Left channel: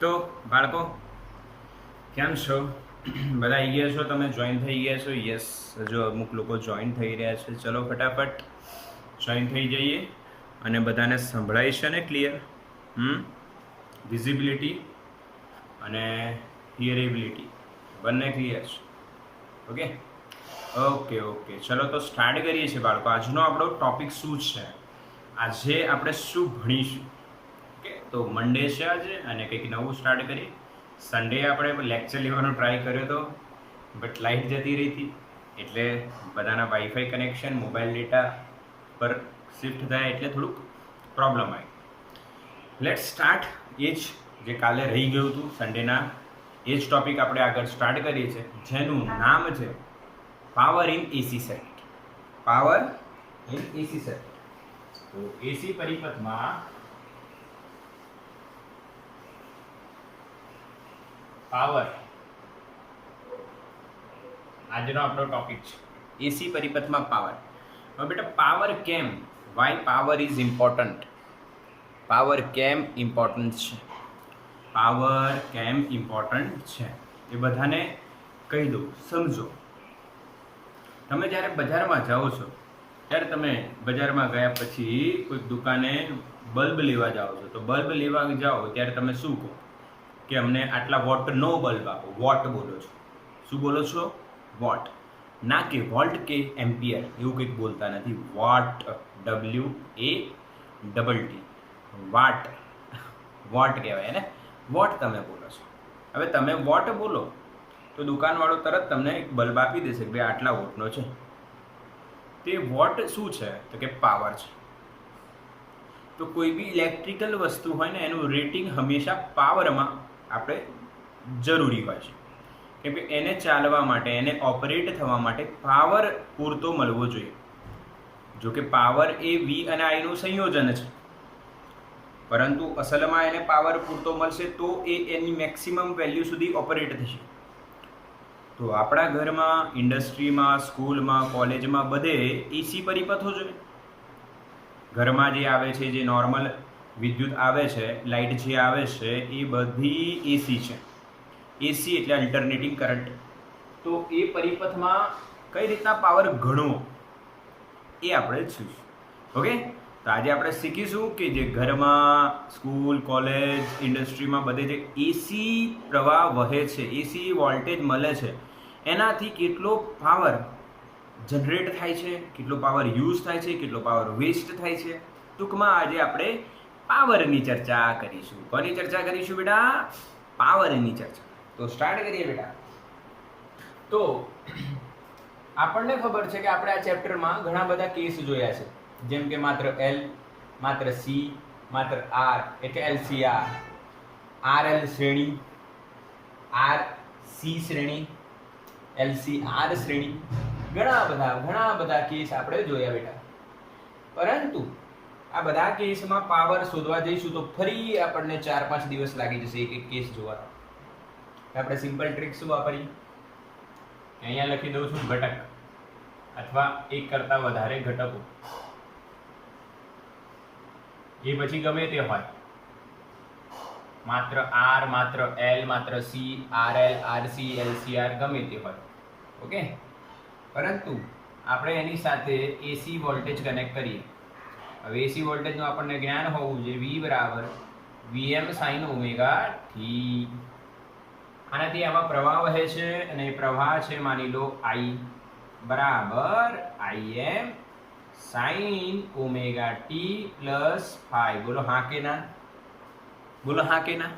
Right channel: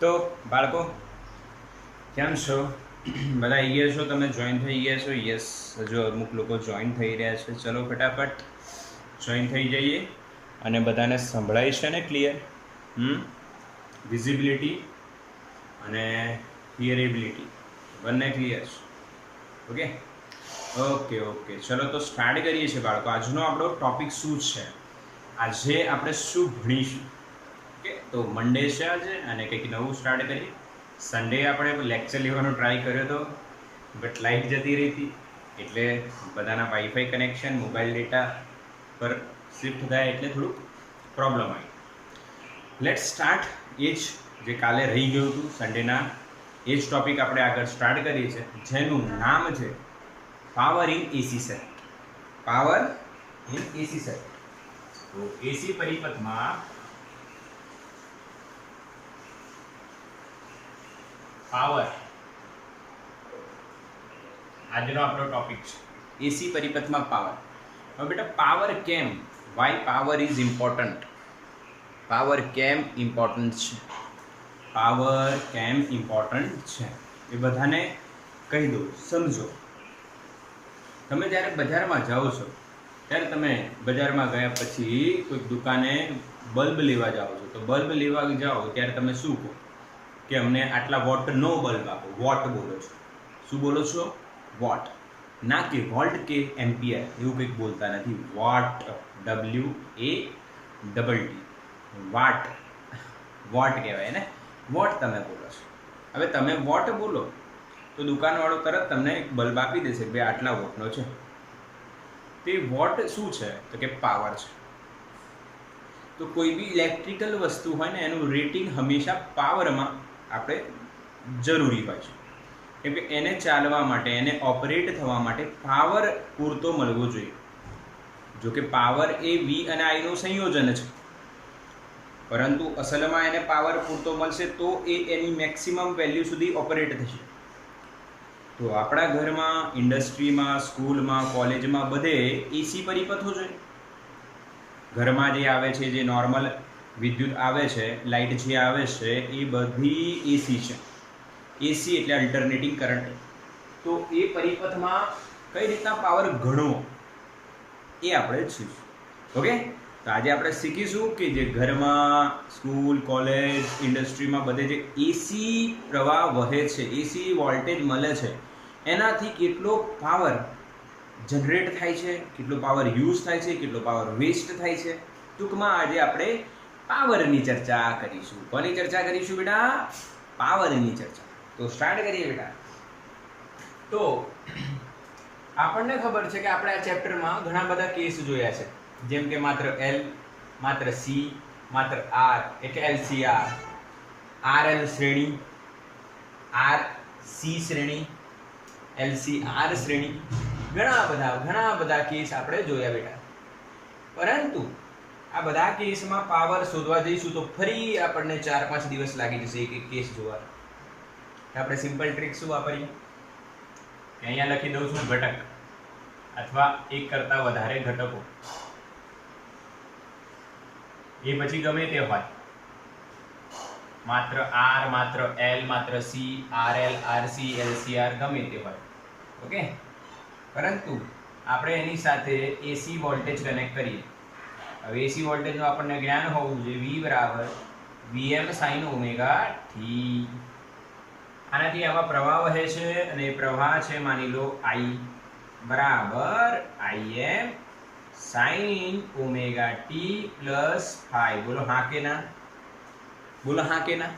તો બાળકો કેમ છો? બધા આવી ગયા છો? તમે જોઈન થઈ ગયા છો? યસ, હજુ અમુક લોકો જોઈન થઈ રહ્યા છે. ચલો ફટાફટ જોઈન થઈ જઈએ. અને બધાને સંભળાય છે ને ક્લિયર? વિઝિબિલિટી અને હિયરેબિલિટી બંને ક્લિયર છે? ઓકે ઓકે ઓકે ચલો તો સ્ટાર્ટ કરીએ છીએ બાળકો. આજનો આપણો ટોપિક શું છે? આજે આપણે શું ભણીશું? ઓકે, તો મંડે છે આજે અને કંઈક નવું સ્ટાર્ટ કરીએ. સન્ડે આપણે લેક્ચર લેવાનો ટ્રાય કર્યો હતો, બટ લાઇટ જતી રહી હતી, એટલે બધાના વાઈફાઈ કનેક્શન મોબાઈલ ડેટા પર શિફ્ટ થયા એટલે થોડુંક પ્રોબ્લેમ આવી. Late start. એ જ જે કાલે રહી ગયું હતું સન્ડેના, એ જ ટોપિક આપણે આગળ સ્ટાર્ટ કરીએ છીએ, જેનું નામ છે power in AC circuit. Power in AC circuit. તો એસી પરિપથમાં પાવર આજનો આપણો ટોપિક છે. એસી પરિપથમાં પાવર. હવે બેટા પાવર કેમ, why power is important? Power કેમ ઇમ્પોર્ટન્ટ છે? પાવર કેમ ઇમ્પોર્ટન્ટ છે એ બધાને કહી દઉં, સમજો. તમે જ્યારે બજારમાં જાઓ છો ત્યારે તમે બજારમાં ગયા પછી કોઈક દુકાને બલ્બ લેવા જાઓ છો, તો બલ્બ લેવા જાઓ ત્યારે તમે શું કહો કે અમને આટલા વોટનો બલ્બ આપો. વોટ બોલો છો. શું બોલો છો? વોટ. ના કે વોલ્ટ કે એમ્પિયર એવું કંઈક બોલતા નથી. વોટ, WATT, વાટ. વોટ કહેવાય ને, વોટ તમે બોલો છો. હવે તમે વોટ બોલો તો દુકાનવાળો તરત તમને એક બલ્બ આપી દેશે કે ભાઈ આટલા વોટનો છે. તે વોટ શું છે તો કે પાવર છે. તો કોઈ બી ઇલેક્ટ્રિકલ વસ્તુ હોય ને એનું રેટિંગ હંમેશા પાવરમાં આપણે જરૂરી હોય છે, કેમ કે એને ચાલવા માટે, એને ઓપરેટ થવા માટે પાવર પૂરતો મળવો જોઈએ. જો કે પાવર એ વી અને આઈનું સંયોજન છે, પરંતુ અસલમાં એને પાવર પૂરતો મળશે તો એ એની મેક્સિમમ વેલ્યુ સુધી ઓપરેટ થશે. તો આપણા ઘરમાં, ઇન્ડસ્ટ્રીમાં, સ્કૂલમાં, કોલેજમાં બધે એસી પરિપથો જોઈએ. ઘરમાં જે આવે છે, જે નોર્મલ વિદ્યુત આવે છે, લાઇટ જે આવે છે, એ બધી એસી છે. એસી એટલે અલ્ટરનેટિંગ કરંટ. તો એ પરિપથમાં કઈ રીતના પાવર ગણવો એ આપણે જોઈશું. ઓકે, તો આજે આપણે શીખીશું કે જે ઘરમાં, સ્કૂલ, કોલેજ, ઇન્ડસ્ટ્રીમાં બધે જે એસી પ્રવાહ વહે છે, એસી વોલ્ટેજ મળે છે, એનાથી કેટલો પાવર જનરેટ થાય છે, કેટલો પાવર યુઝ થાય છે, કેટલો પાવર વેસ્ટ થાય છે. ટૂંકમાં આજે આપણે પાવરની ચર્ચા કરીશું. કોની ચર્ચા કરીશું બેટા? પાવરની ચર્ચા. તો સ્ટાર્ટ કરીએ બેટા. તો આપણને ખબર છે કે આપણે આ ચેપ્ટરમાં ઘણા બધા કેસ જોયા છે, જેમ કે માત્ર એલ, માત્ર સી, માત્ર આર એટલે એલસીઆર, આરએલ શ્રેણી, આરસી શ્રેણી, એલસીઆર શ્રેણી, ઘણા બધા કેસ આપણે જોયા બેટા. પરંતુ આ બધા કેસમાં પાવર શોધવા જઈશું તો ફરી આપણને 4-5 દિવસ લાગી જશે એક એક કેસ જોવા. આપણે સિમ્પલ ટ્રીક શું વાપરી? અહીંયા લખી દઉં છું ઘટક અથવા એક કરતા વધારે ઘટકો, એ પછી ગમે તે હોય, માત્ર આર, માત્ર એલ, માત્ર સી, આરએલ, આરસી, એલસીઆર ગમે તે હોય. ઓકે, પરંતુ આપણે એની સાથે એસી વોલ્ટેજ કનેક્ટ કરીએ. હવે એસી વોલ્ટેજનું આપણને જ્ઞાન હોવું જોઈએ. V બરાબર VM sin ઓમેગા ટી. આનાથી આમાં પ્રવાહ વહે છે અને એ પ્રવાહ છે માની લો I બરાબર IM sin omega t plus phi. બોલો હા કે ના? બોલો હા કે ના?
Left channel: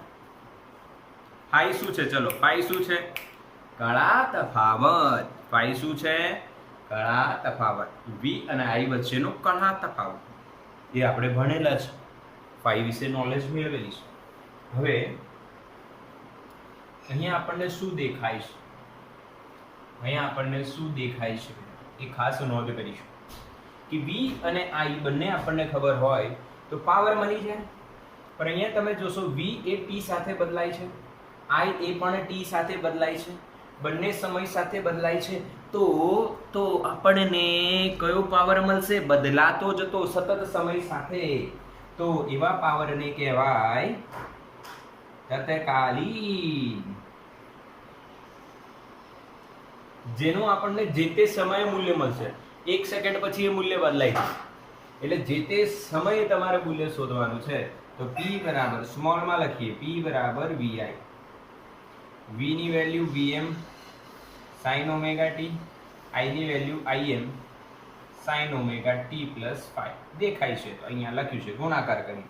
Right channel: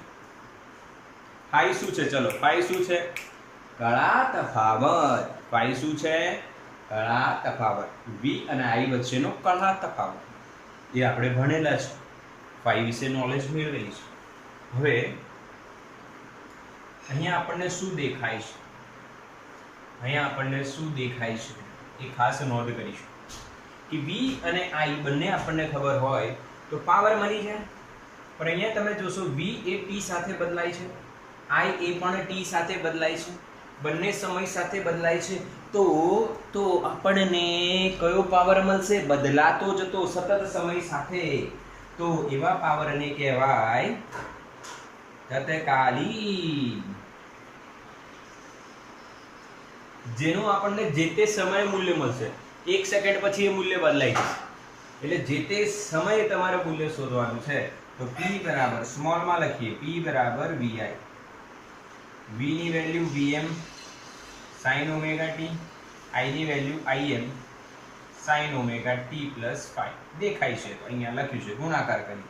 ફાઈ શું છે? ચલો, ફાઈ શું છે? કળા તફાવત. ફાઈ શું છે? કળા તફાવત. V અને I વચ્ચેનો કળા તફાવત એ આપણે ભણેલા છે, ફાઈ વિશે નોલેજ મેળવેલી છે. હવે અહીંયા આપણને શું દેખાય છે? અહીંયા આપણને શું દેખાય છે એ ખાસ નોંધ કરીશું કે V અને I બંને આપણને ખબર હોય તો પાવર મળી જાય. પણ અહીંયા તમે જોશો V એ T સાથે બદલાય છે, I એ પણ T સાથે બદલાય છે, બંને સમય સાથે બદલાય છે. તો આપણને કયો પાવર મળશે? બદલાતો જતો સતત સમય સાથે. તો એવા પાવરને કહેવાય તત્કાલીન, જેનું આપણને જે તે સમયે મૂલ્ય મળશે. 1 સેકન્ડ પછી એ મૂલ્ય બદલાઈ જશે. એટલે જે તે સમયે તમારે મૂલ્ય શોધવાનું છે. તો p બરાબર સ્મોલમાં લખીએ, p બરાબર vi, v ની value vm sin omega t, i ની value im sin omega t plus phi દેખાય છે. તો અહીંયા લખ્યું છે ગુણાકાર કરી.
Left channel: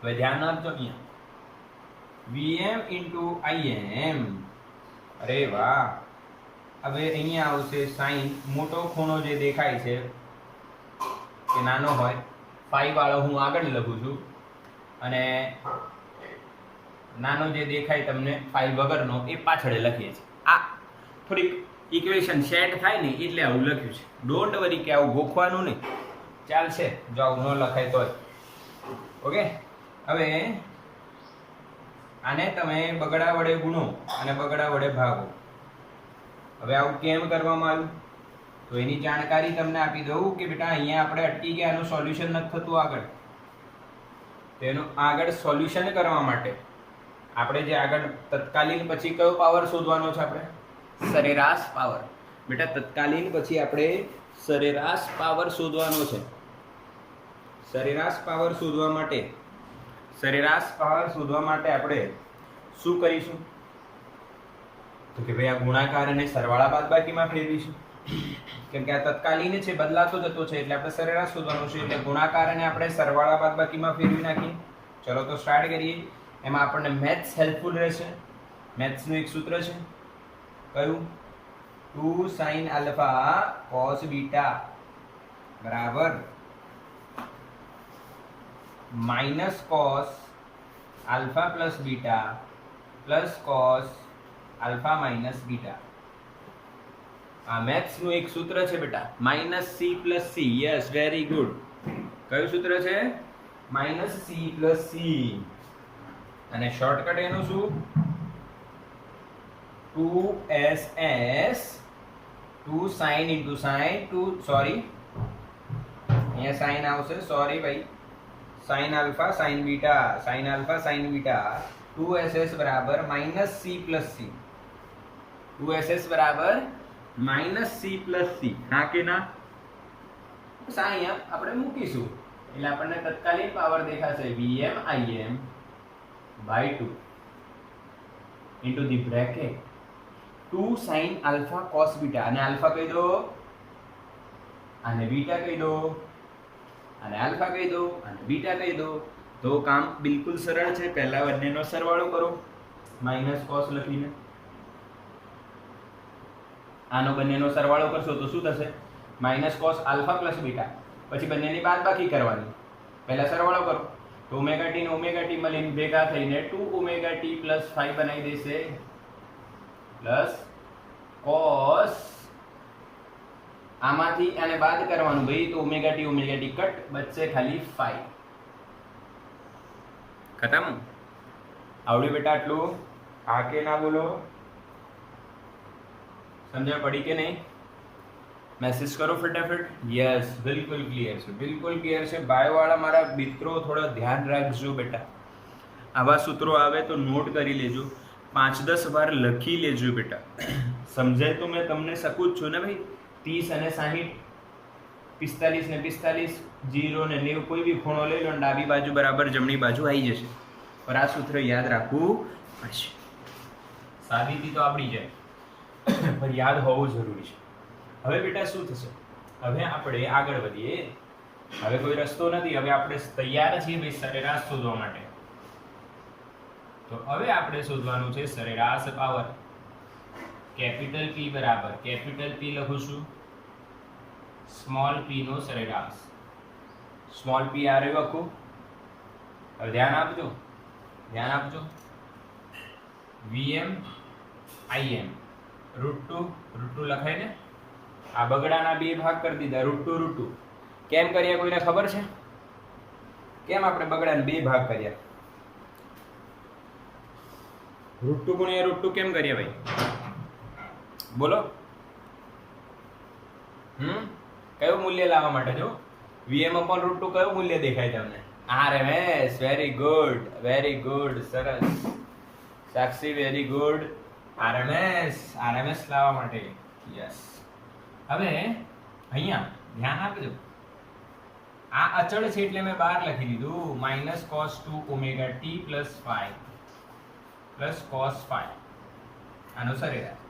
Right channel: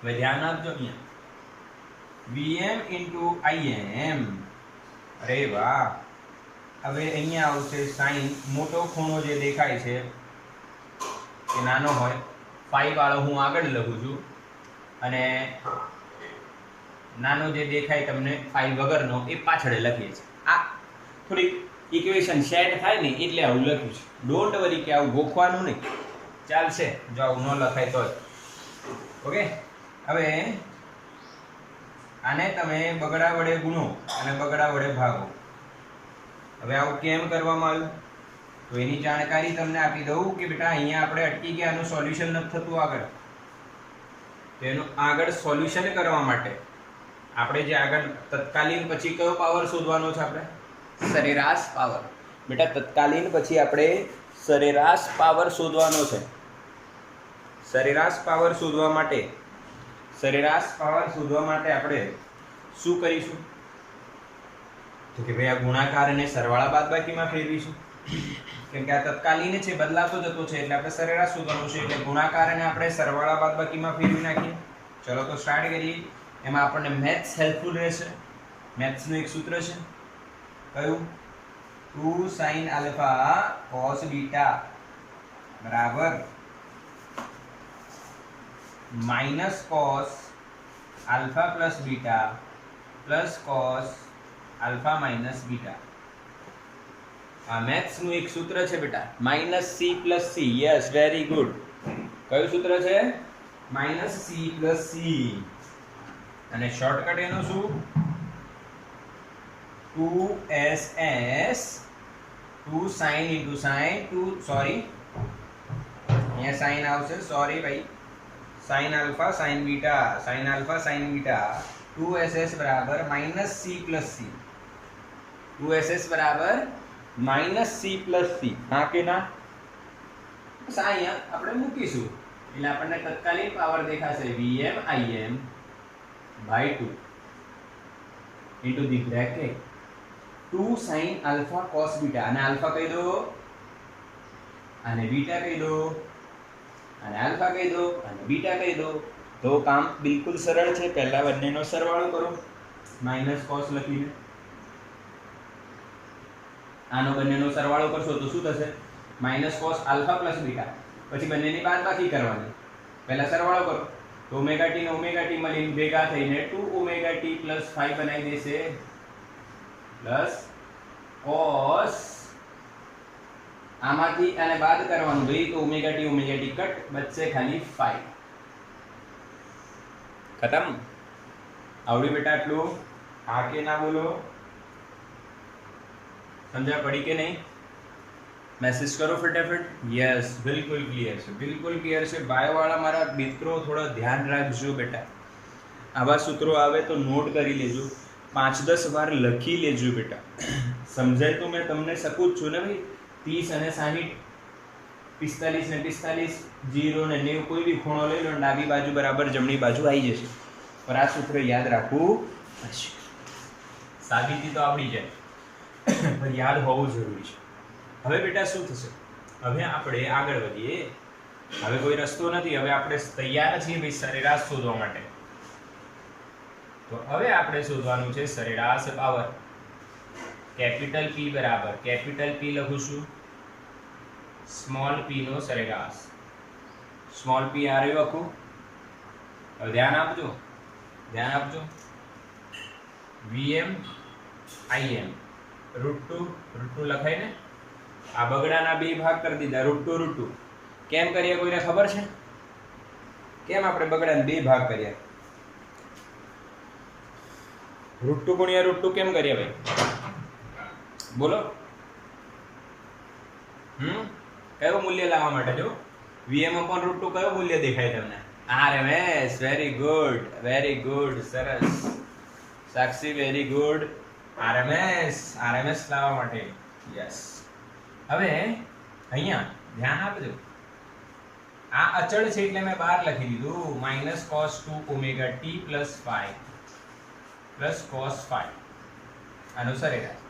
હવે ધ્યાન આપજો, અહીંયા vm into im. અરે વાહ. હવે અહીંયા આવશે sin, મોટો ખૂણો જે દેખાય છે એ નાનો હોય, phi વાળો હું આગળ લખું છું, અને નાનો જે દેખાય તમને phi વગરનો એ પાછળ લખીએ છીએ. આ થોડીક ઇક્વેશન સેટ થાય ને એટલે આવું લખ્યું છે. ડોન્ટ વરી કે આવું ગોખવાનું નહીં, ચાલશે જો આવું ન લખાય તોય. ઓકે. હવે આને તમે બગડા વડે ગુણો અને બગડા વડે ભાગો. હવે આવું કેમ કરવામાં આવ્યું તો એની જાણકારી તમને આપી દઉં કે બેટા અહીંયા આપણે અટકી ગયા, આનું સોલ્યુશન નથી થતું આગળ. તો એનું આગળ સોલ્યુશન કરવા માટે આપણે જે આગળ તત્કાલીન પછી કયો પાવર શોધવાનો છે? આપણે સરેરાશ પાવર. બેટા તત્કાલીન પછી આપણે સરેરાશ પાવર શોધવાનો છે. સરેરાશ પાવર શોધવા માટે આપણે શું કરીશું? તો કે ભાઈ આ ગુણાકાર અને સરવાળા બાદબાકીમાં ફેરવીશું. કેમ કે આ તત્કાલીન છે, બદલાતો જતો છે, એટલે આપણે સરેરાશ શોધવાનું છે. એટલે ગુણાકાર અને આપણે સરવાળા બાદબાકીમાં ફેરવી નાખીએ. ચલો તો સ્ટાર્ટ કરીએ. એમાં આપણને મેથ્સ હેલ્પફુલ રહેશે. મેથ્સનું એક સૂત્ર છે, કયું? 2 sin આલ્ફા cos બીટા બરાબર minus cos alpha plus beta plus cos alpha minus beta. આ મેથ્સનું એક સૂત્ર છે બેટા, minus c plus c. Yes, very good. કયું સૂત્ર છે? Minus c plus c. અને શોર્ટકટ એનું શું? 2ss 2 sin into sin 2 sorry અહીંયા sin આવશે, સોરી ભાઈ, sin alpha sin beta 2ss બરાબર minus c plus c. 2ss બરાબર માઇનસ c પ્લસ c. હા કે ના? બસ અહીંયા આપણે મૂકીશું એટલે આપણને તત્કાલીન પાવર દેખાશે vm im by 2 into the bracket 2 sin alpha cos beta. અને આલ્ફા કહી દો, અને બીટા કહી દો, અને આલ્ફા કહી દો, અને બીટા કહી દો. તો કામ બિલકુલ સરળ છે. પહેલા બંનેનો સરવાળો કરો માઇનસ cos લખીને. આનો બંનેનો સરવાળો કરશો તો શું થશે? Minus cos alpha plus beta. પછી બંનેની બાદબાકી કરવાની. પહેલા સરવાળો કરો તો ઓમેગા ટી ને ઓમેગા ટી મળીને ભેગા થઈને 2 ઓમેગા ટી પ્લસ 5 બનાવી દેશે, પ્લસ cos આમાંથી આને બાદ કરવાનું ભાઈ, તો ઓમેગા ટી કટ, બચશે ખાલી 5. ખતમ. આવડ્યું બેટા આટલું? હા કે ના બોલો? સમજણ પડી કે નહીં? મેસેજ કરો ફટાફટ. યસ, બિલકુલ ક્લિયર છે, બિલકુલ ક્લિયર છે. બાયોવાળા મારા મિત્રો થોડા ધ્યાન રાખજો બેટા. આવા સૂત્રો આવે તો નોટ કરી લેજો, 5-10 વાર લખી લેજો બેટા. સમજાય તો મેં તમને શકું જ છું ને ભાઈ. 30 અને 60, 45 ને 45, 0 ને 90, કોઈ બી ખૂણો લઈ લો, ડાબી બાજુ બરાબર જમણી બાજુ આવી જશે. પર આ સૂત્ર યાદ રાખવું પડશે. સાબિતી તો આવડી જાય પણ યાદ હોવું જરૂરી છે. હવે બેટા શું થશે? હવે આપણે આગળ વધીએ. હવે કોઈ રસ્તો નથી. હવે આપણે તૈયાર છીએ ભાઈ સરેરાશ શોધવા માટે. તો હવે આપણે શોધવાનું છે સરેરાશ પાવર. કેપિટલ P બરાબર, કેપિટલ P લખું છું, સ્મોલ p નો સરેરાશ. સ્મોલ p આ રહ્યું આખું. હવે ધ્યાન આપજો. vm im √2 લખાય ને? આ બગડાના બે ભાગ કરી દીધા, √2. કેમ કર્યા કોઈને ખબર છે? કેમ આપણે બગડાને બે ભાગ કર્યા? √2 ગુણ્યા √2 કેમ કર્યા ભાઈ? બોલો. કયું મૂલ્ય લાવવા માટે? જો vm √2 કયું મૂલ્ય દેખાય તમને? RMS, very good, સરસ. સાક્ષી વેરી ગુડ. RMS લાવવા માટે યસ. હવે અહીંયા ધ્યાન આપજો, આ અચળ છે એટલે મેં બહાર લખી દીધું -cos2 omega t + 5 + cos 5 આનો સરેરાશ.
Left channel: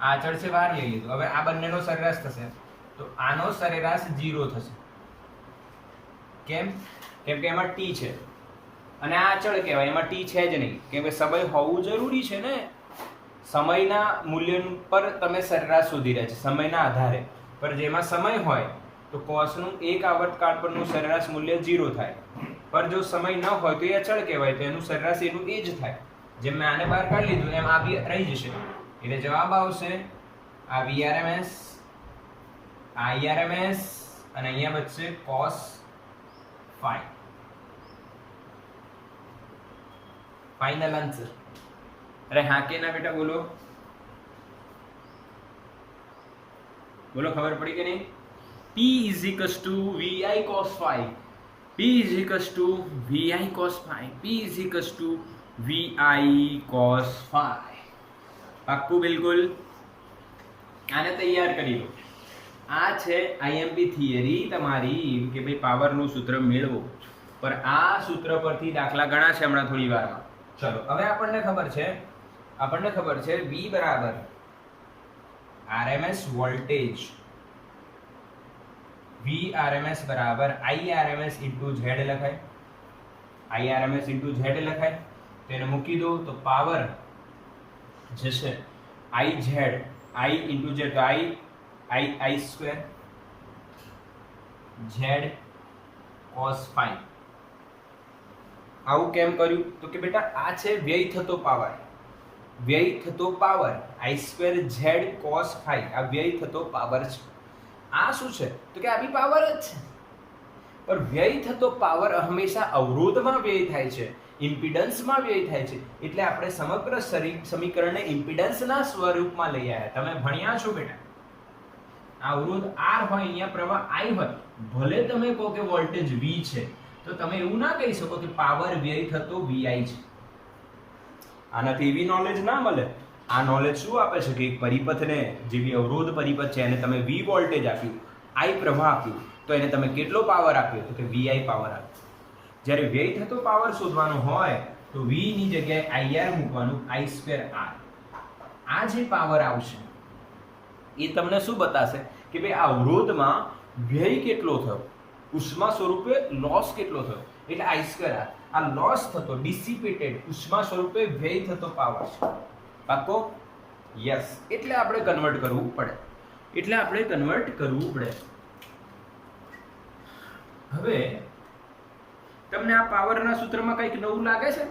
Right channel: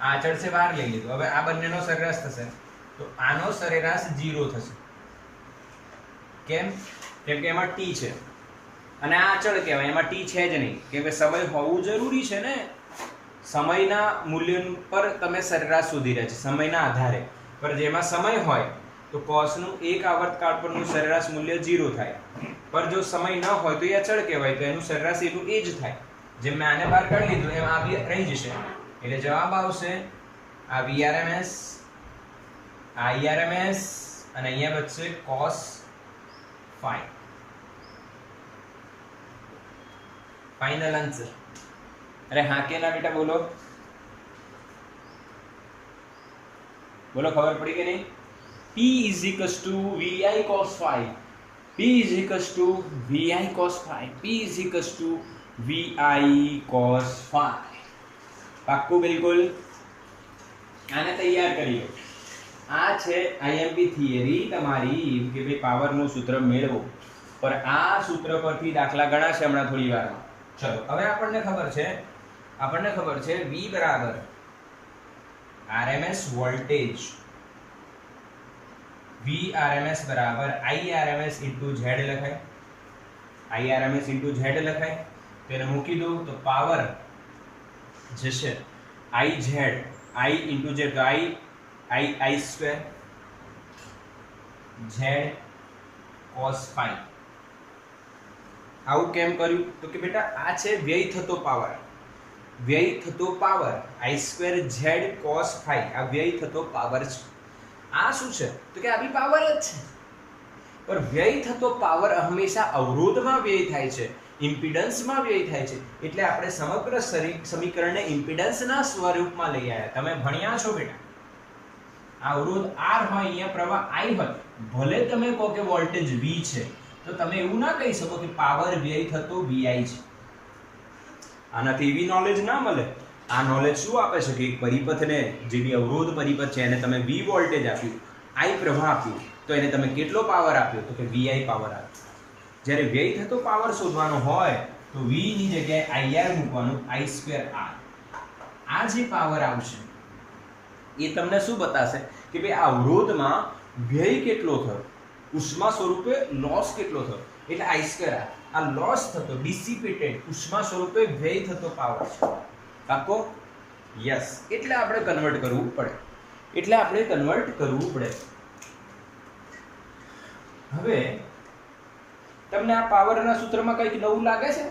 આ અચળ છે બહાર લઈ લીધું. હવે આ બંનેનો સરેરાશ થશે તો આનો સરેરાશ 0 થશે. કેમ? કેમ કે એમાં t છે અને આ અચળ કહેવાય, એમાં t છે જ નહીં. કેમ કે સમય હોવું જરૂરી છે ને. સમયના મૂલ્ય પર તમે સરેરાશ શોધી રહ્યા છે, સમયના આધારે. પર જેમાં સમય હોય તો કોસનું એક આવર્તકાળ પરનું સરેરાશ મૂલ્ય 0 થાય. પર જો સમય ન હોય તો એ અચળ કહેવાય, તો એનું સરેરાશ એનું એ જ થાય. જેમ મેં આને બહાર કાઢી લીધું એમ આ બી રહી જશે. એટલે જવાબ આવશે આ VRMS, આ IRMS અને અહીંયા બચશે cos 5. Final answer. અરે હા કે ના બેટા? બોલો બોલો, ખબર પડી કે નહીં? P = VI cos 5. P = VI cos 5. P = VI cos 5. પાક્કું બિલકુલ. આને તૈયાર કરી લો. આ છે IMP થિયરી તમારી કે ભાઈ પાવરનું સૂત્ર મેળવો. પર આ સૂત્ર પરથી દાખલા ગણા છે હમણાં થોડી વારમાં. ચલો હવે આપણને ખબર છે V બરાબર RMS વોલ્ટેજ, VRMS બરાબર IRMS × Z લખાય. IRMS × Z લખાય. તેને મૂકી દો તો પાવર જે છે IZ, I × Z તો I² Z cos 5. આવું કેમ કર્યું? તો કે બેટા આ છે વ્યય થતો પાવર, I² Z cos 5 આ વ્યય થતો પાવર છે. આ શું છે? તો કે આ બી પાવર જ છે. પણ વ્યય થતો પાવર હંમેશા અવરોધમાં વ્યય થાય છે, ઇમ્પિડન્સમાં વ્યય થાય છે. એટલે આપણે સમગ્ર સમીકરણને ઇમ્પિડન્સના સ્વરૂપમાં લઈ આવ્યા. તમે ભણ્યા છો બેટા, આ અવરોધ R હોય, અહીંયા પ્રવાહ I હોય, ભલે તમે કહો કે વોલ્ટેજ V છે, તો તમે એવું ના કહી શકો કે પાવર વ્યય થતો VI છે. આનાથી એવી નોલેજ ના મળે. આ નોલેજ શું આપે છે કે એક પરિપથને, જે બી અવરોધ પરિપથ છે, એને તમે V વોલ્ટેજ આપ્યું, I પ્રવાહ આપ્યું, તો એને તમે કેટલો પાવર આપ્યો? તો કે VI પાવર આપ્યો. જ્યારે વ્યય થતો પાવર શોધવાનો હોય તો V ની જગ્યાએ IR મૂકવાનું, I² R. આ જે પાવર આવશે એ તમને શું બતાવશે કે ભાઈ આ અવરોધમાં વ્યય કેટલો થયો, ઉષ્મા સ્વરૂપે લોસ કેટલો થયો. એટલે I² R આ લોસ થતો, ડિસિપેટેડ ઉષ્મા સ્વરૂપે વ્યય થતો પાવર છે. પાકો? યસ. એટલે આપણે કન્વર્ટ કરવું પડે. હવે તમને આ પાવરના સૂત્રમાં કંઈક નવું લાગે છે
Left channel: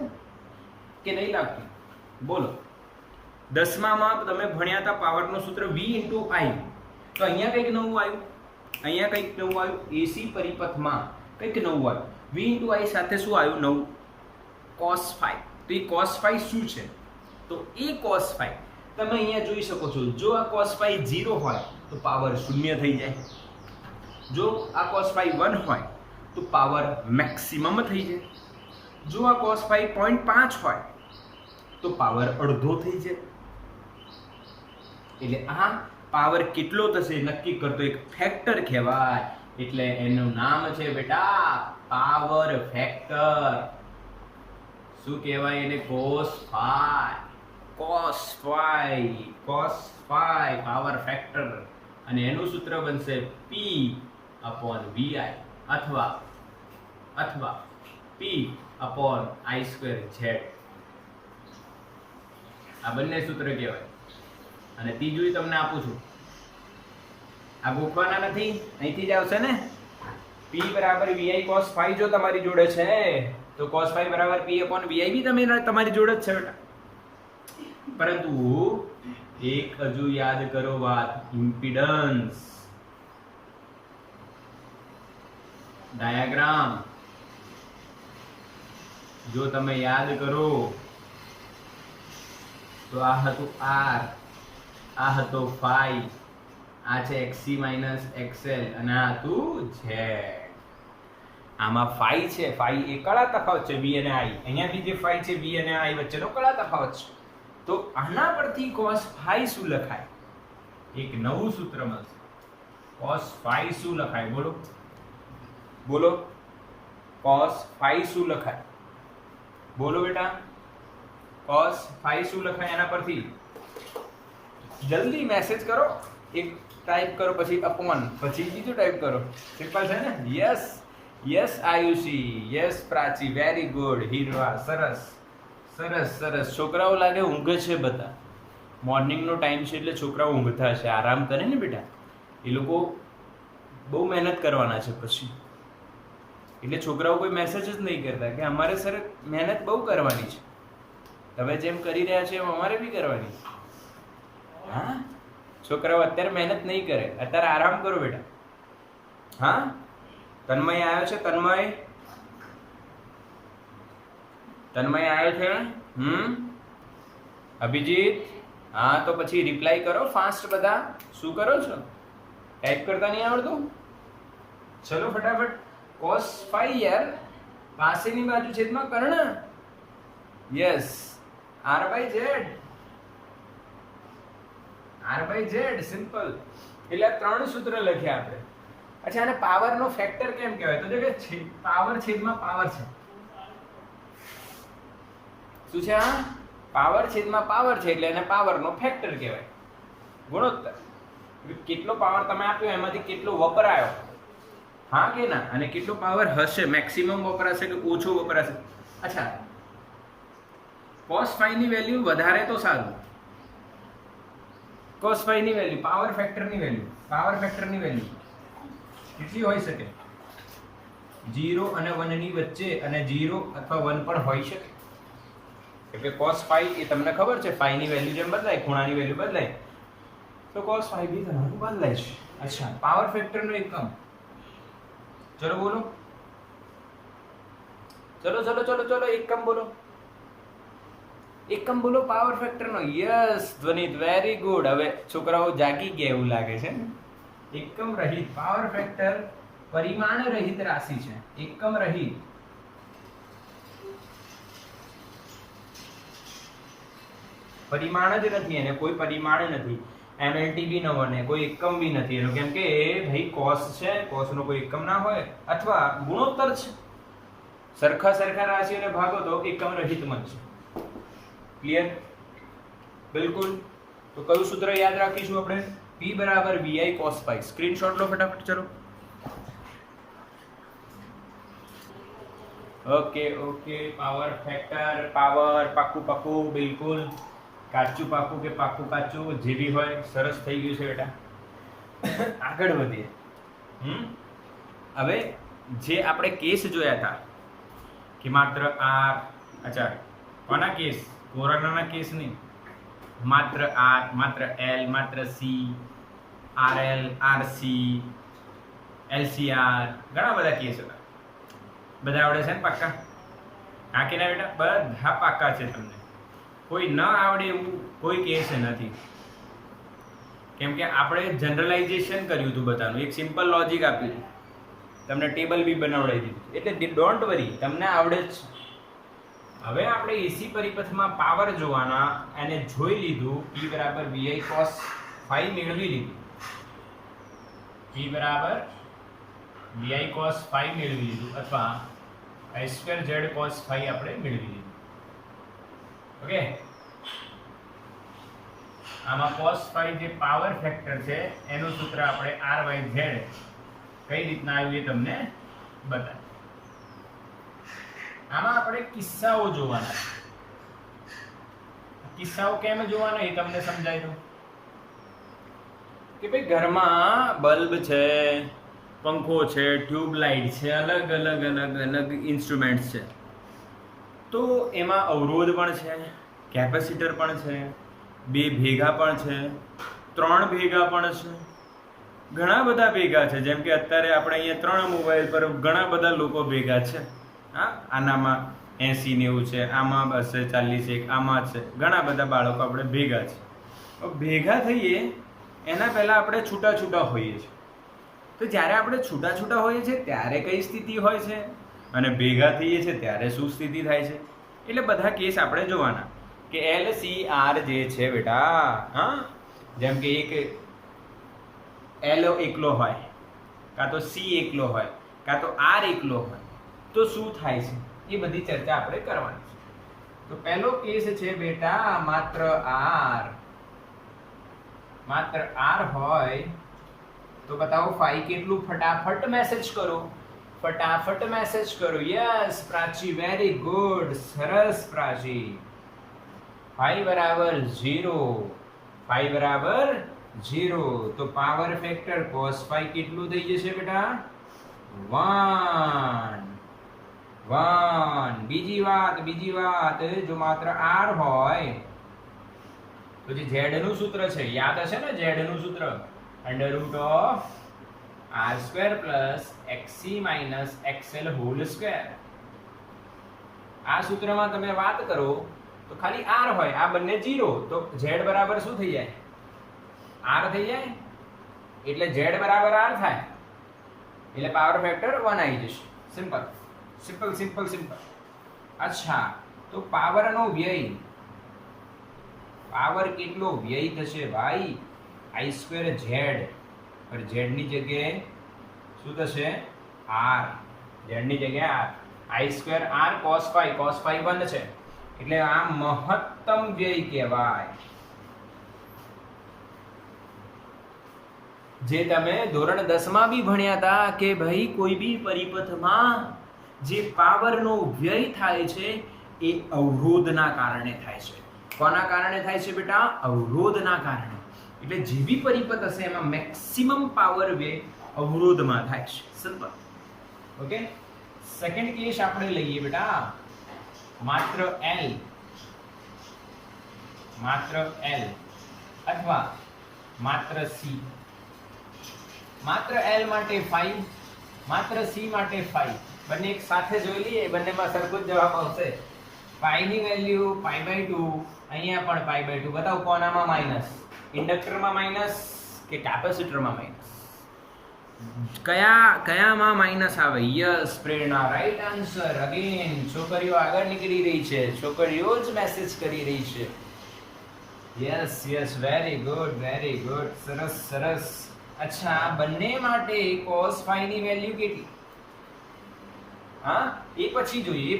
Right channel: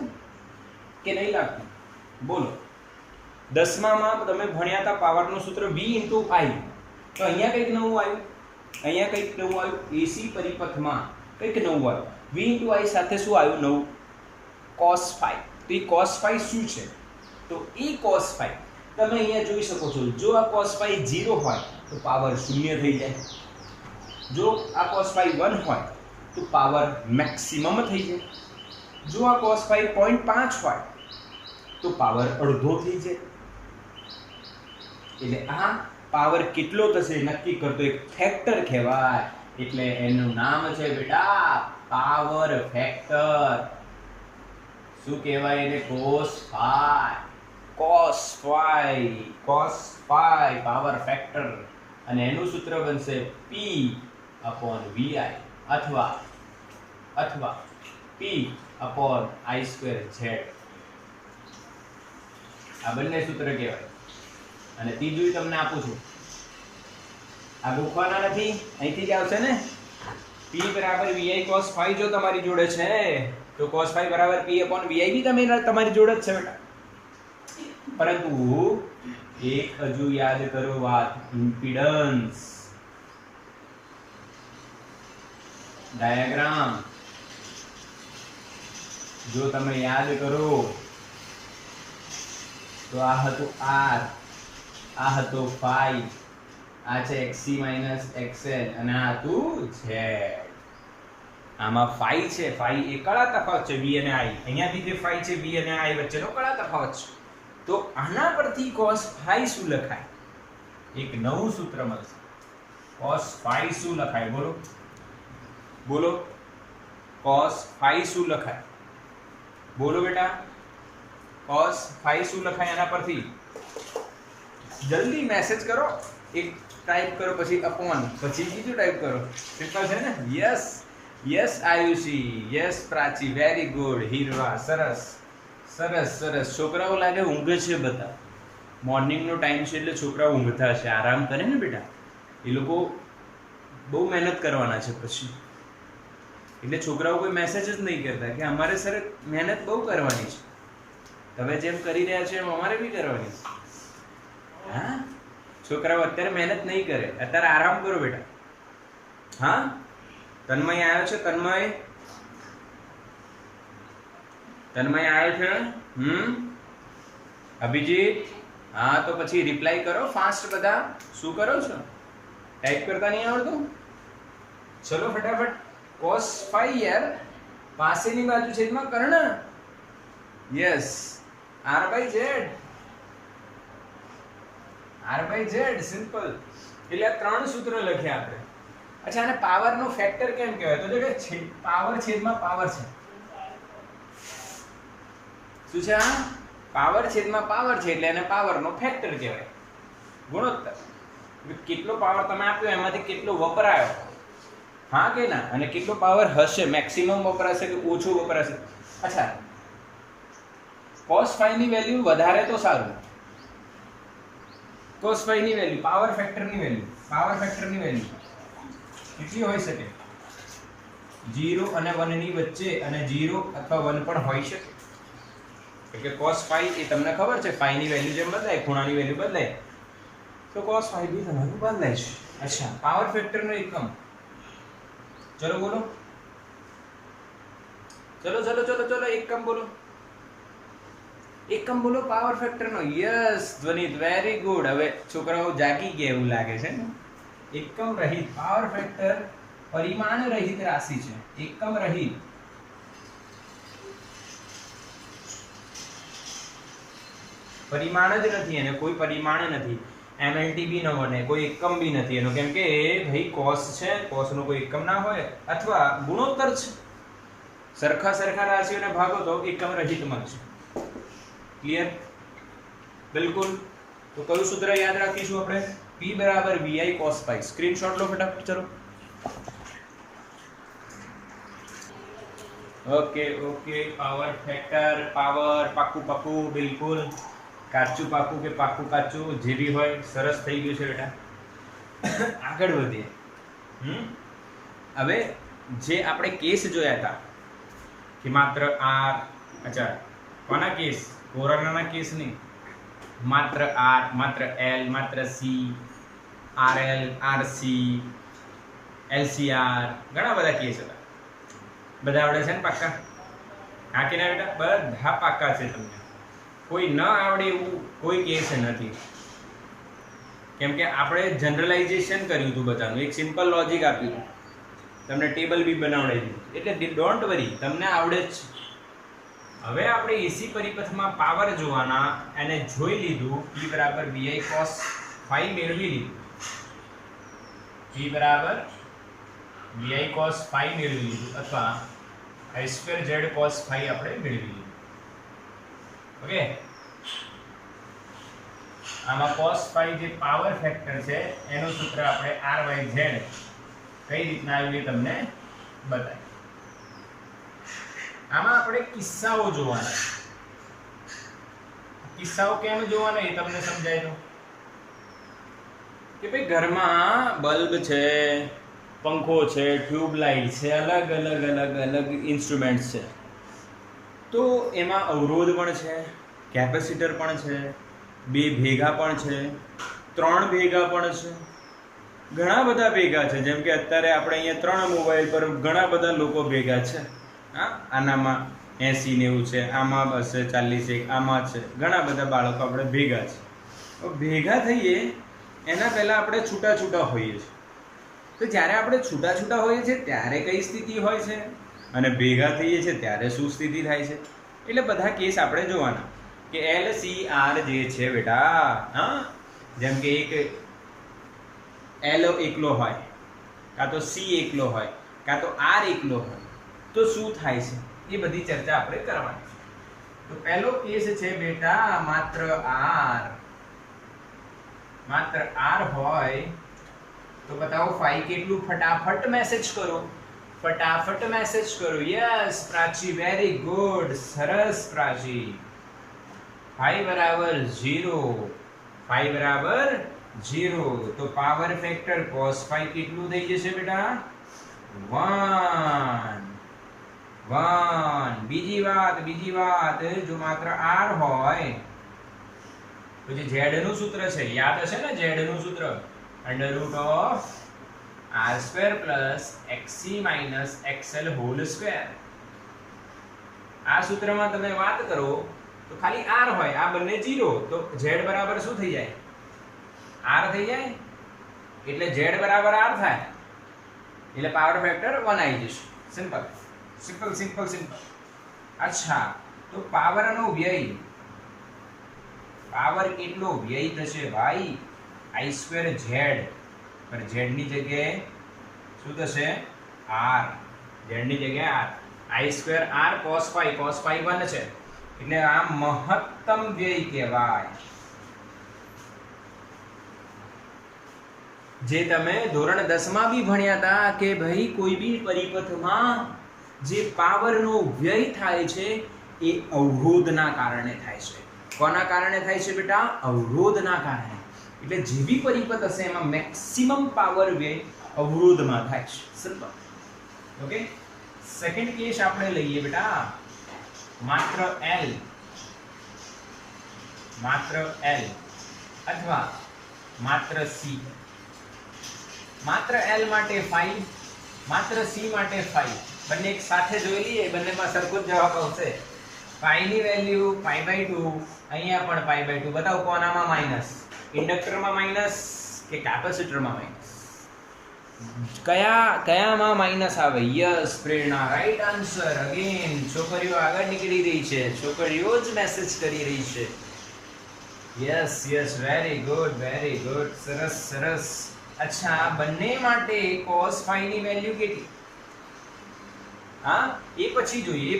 કે નહીં લાગતું? બોલો. 10માં તમે ભણ્યા હતા પાવરનું સૂત્ર V × I. તો અહીંયા કંઈક નવું આવ્યું. AC પરિપથમાં કંઈક નવું આવ્યું. V × I સાથે શું આવ્યું નવું? cos 5. તો એ cos 5 શું છે? તો એ cos 5 તમે અહીંયા જોઈ શકો છો. જો આ cos 5 0 હોય તો પાવર 0 થઈ જાય. જો આ cos 5 1 હોય તો પાવર મેક્સિમમ થઈ જાય. જો આ cos 5 0.5 હોય તો પાવર અડધો થઈ જાય. એટલે આ પાવર કેટલો થશે નક્કી કરતો એક ફેક્ટર કહેવાય. એટલે એનું નામ છે બેટા પાવર ફેક્ટર. શું કહેવાય એને? cos 5 power factor. અને એનું સૂત્ર બનશે P/VI અથવા P/I²Z. આ બંને સૂત્ર કહેવાય. અને ત્રીજું તમને આપું છું, આ ગોખવાના નથી, અહીંથી જ આવશે ને. P = VI cos 5 જો તમારી જોડે છે તો cos 5 = P/VI બી તમારી જોડે જ છે બેટા. પરંતુ એક હજુ યાદ કરો વાત, ઇમ્પિડન્સ ડાયાગ્રામ જો તમે યાદ કરો તો આ હતું R, આ હતો phi, આ છે XC - XL અને આ હતું Z. આમાં ફાઈ છે, ફાઈ એ કળા તફાવત છે વી અને આઈ. અહીંયા બી જે ફાઈ છે વી અને આઈ વચ્ચેનો કળા તફાવત છે. તો આના પરથી cos ફાઈ શું લખાય? એક નવું સૂત્ર મળશે. cos ફાઈ શું લખાય? બોલો બોલો, cos ફાઈ શું લખાય? બોલો બેટા, cos ફાઈ શું લખાય આના પરથી? જલ્દી મેસેજ કરો. એક ટાઈપ કરો, પછી અપોન, પછી બીજું ટાઈપ કરો. સિમ્પલ છે ને? યસ યસ આયુષી, યસ પ્રાચી, વેરી ગુડ. હીરવા, સરસ સરસ સરસ. છોકરાઓ લાગે ઊંઘે છે બધા. મોર્નિંગનો ટાઈમ છે એટલે છોકરાઓ ઊંઘતા હશે, આરામ કરે ને બેટા. એ લોકો બહુ મહેનત કરવાના છે પછી, એટલે છોકરાઓ કોઈ મેસેજ જ નહીં કરતા કે અમારે સર મહેનત બહુ કરવાની છે. તમે જેમ કરી રહ્યા છો એમ અમારે બી કરવાની છે. હા, છોકરાઓ અત્યારે મહેનત નહીં કરે, અત્યારે આરામ કરો બેટા. હા, તન્મય આવ્યો છે? તન્મય આવ્યો છે? અભિજીત, હા તો પછી રિપ્લાય કરો ફાસ્ટ બધા. શું કરો છો? ટાઈપ કરતા નહીં આવડતું? ચલો ફટાફટ. cos ફાઈ યાર, પાસેની બાજુ છેદમાં કર્ણ. Yes, r/z, r/z, simple. એટલે આ 3 સૂત્ર લખ્યા આપણે. અચ્છા, આને પાવરનો ફેક્ટર કેમ કહેવાય? તો જો કે પાવર છેદમાં પાવર છે. શું છે આ? પાવર છેદમાં પાવર છે, એટલે એને પાવરનો ફેક્ટર કહેવાય, ગુણોત્તર. કેટલો પાવર તમે આપ્યો એમાંથી કેટલો વપરાયો, હા કે ના, અને કેટલો પાવર હશે, મેક્સિમમ વપરાશે કે ઓછો વપરાશે. અચ્છા, cos ફાઈ ની વેલ્યુ વધારે તો સારું. cos ફાઈ ની વેલ્યુ, પાવર ફેક્ટરની વેલ્યુ કેટલી હોઈ શકે? 0 અને 1 ની વચ્ચે, અને 0 અથવા 1 પણ હોઈ શકે. એટલે cos ફાઈ એ તમને ખબર છે, ફાઈ ની વેલ્યુ જેમ બદલાય, ખૂણાની વેલ્યુ બદલાય, તો cos ફાઈ બી તમારું બદલાય છે. અચ્છા, પાવર ફેક્ટરનો એકમ. ચલો બોલો, ચલો એકમ બોલો. એકમ બોલો પાવર ફેક્ટરનો. Yes Dhvanit, very good. હવે છોકરાઓ જાગી ગયા એવું લાગે છે ને. એકમ રહિત પાવર ફેક્ટર પરિમાણ રહિત રાશિ છે. એકમ રહિત, પરિમાણ જ નથી, એને કોઈ પરિમાણ નથી. MLT બી ન બને, કોઈ એકમ બી નથી એનો, કેમ કે ભાઈ cos છે, cos નો કોઈ એકમ ના હોય, અથવા ગુણોત્તર છે. સરખા રાશિઓને ભાગો તો એકમ રહિત મળશે. ક્લિયર? બિલકુલ. તો કયું સૂત્ર યાદ રાખીશું આપણે? P = VI cos phi. Screenshot લો ફટાફટ. ચલો, ઓકે. પાવર ફેક્ટર, પાવર પાક્કું બિલકુલ, કાચું પાક્કું કે પાક્કું કાચું, જે બી હોય. સરસ થઈ ગયું છે બેટા. આગળ વધીએ. હવે જે આપણે કેસ જોયા હતા કે માત્ર r, અચ્છા કોના કેસ? કોરોનાના કેસ નહીં. માત્ર r, માત્ર l, માત્ર c, rl, rc, lcr, ઘણા બધા કેસ હતા. બધા આવડે છે ને પાક્કા? હા કે ના બેટા? બધા પાક્કા છે. તમને કોઈ ન આવડે એવું કોઈ કેસ નથી, કેમ કે આપણે જનરલાઇઝેશન કર્યું હતું બધાનું. એક સિમ્પલ લોજિક આપ્યું હતું, તમને ટેબલ બી બનાવડાવી દીધું, એટલે ડોન્ટ વરી, તમને આવડે જ. હવે આપણે એસી પરિપથમાં પાવર જોવાના, એને જોઈ લીધું. P = VI cos ફાઈ મેળવી લીધું. P = VI cos ફાઈ મેળવી લીધું, અથવા I2Z cos ફાઈ આપણે મેળવી લીધું. ઓકે, આમાં cos ફાઈ જે પાવર ફેક્ટર છે એનું સૂત્ર આપણે R/Z કઈ રીતના આવ્યું એ તમને બતાય. આમાં આપણે કિસ્સાઓ જોવાના છે. કિસ્સાઓ કેમ જોવાના એ તમને સમજાય તો કે ભાઈ ઘરમાં બલ્બ છે, પંખો છે, ટ્યુબલાઇટ છે, અલગ અલગ ઇન્સ્ટ્રુમેન્ટ્સ છે. તો એમાં અવરોધ પણ છે, કેપેસિટર પણ છે, 2 ભેગા પણ છે, 3 ભેગા પણ છે, ઘણા બધા ભેગા છે. જેમ કે અત્યારે આપણે અહીંયા 3 મોબાઈલ પર ઘણા બધા લોકો ભેગા છે. હા, આનામાં 80-90 છે, આમાં 240, આમાં છે, ઘણા બધા બાળકો આપણે ભેગા છે. ભેગા થઈએ એના પહેલાં આપણે છૂટા હોઈએ છીએ. તો જ્યારે આપણે છૂટા છૂટા હોઈએ છીએ ત્યારે કઈ સ્થિતિ હોય છે અને ભેગા થઈએ છીએ ત્યારે શું સ્થિતિ થાય છે, એટલે બધા કેસ આપણે જોવાના કે LCR જે છે બેટા, હા, જેમ કે એક L એકલો હોય, કાં તો C એકલો હોય, કાં તો R એકલો હોય, તો શું થાય છે એ બધી ચર્ચા આપણે કરવાની છે. તો પહેલો કેસ છે બેટા માત્ર R હોય તો બતાવો ફાઈ કેટલું, ફટાફટ મેસેજ કરો, ફટાફટ મેસેજ કરો. યસ પ્રાચી, વેરી ગુડ, સરસ પ્રાચી. ફાઈ બરાબર 0, ફાઈ બરાબર 0, તો પાવર ફેક્ટર cos ફાઈ કેટલું થઈ જશે બેટા? 1. બીજી વાત, જો માત્ર R હોય તો જે Z નું સૂત્ર છે યાદ હશે ને, Z નું સૂત્ર √R² + XC - XL². આ સૂત્રમાં તમે વાત કરો તો ખાલી R હોય, આ બંને 0, તો Z બરાબર શું થઈ જાય? R થઈ જાય, એટલે Z બરાબર R થાય, એટલે પાવર ફેક્ટર 1 આવી જશે. સિમ્પલ. અચ્છા, તો પાવરનો વ્યય, પાવર કેટલો વ્યય થશે ભાઈ? I²Z, પર Z ની જગ્યાએ શું થશે? R. Z ની જગ્યાએ R. I²R cos phi 1 છે, એટલે આ મહત્તમ વ્યય કહેવાય. જે તમે ધોરણ 10 માં બી ભણ્યા હતા કે ભાઈ કોઈ બી પરિપથમાં જે પાવરનો વ્યય થાય છે એ અવરોધના કારણે થાય છે. કોના કારણે થાય છે બેટા? અવરોધના કારણે. એટલે જે બી પરિપથ હશે એમાં મેક્સિમમ પાવર વ્યય અવરોધમાં થાય છે. સિમ્પલ. ઓકે, સેકન્ડ કેસ આપણે લઈએ બેટા, માત્ર L અથવા માત્ર C. માત્ર L માટે 5, માત્ર C માટે 5, બંને એક સાથે જોઈ લઈએ, બંનેમાં સરખો જ જવાબ આવશે. પાઈ ની વેલ્યુ π/2, અહીંયા પણ π/2. બતાવો કોનામાં માઈનસ? ઇન્ડક્ટરમાં માઈનસ કે કેપેસિટરમાં માઈનસ? કયામાં માઈનસ આવે? યસ પ્રેરણા, રાઈટ આન્સર. અગેન છોકરીઓ આગળ નીકળી રહી છે, છોકરીઓ જ મેસેજ કરી રહી છે. યસ, વેરી ગુડ, સરસ. અચ્છા, બંને માટે cos phi ની વેલ્યુ કેટલી? હા, એ પછી જોઈએ.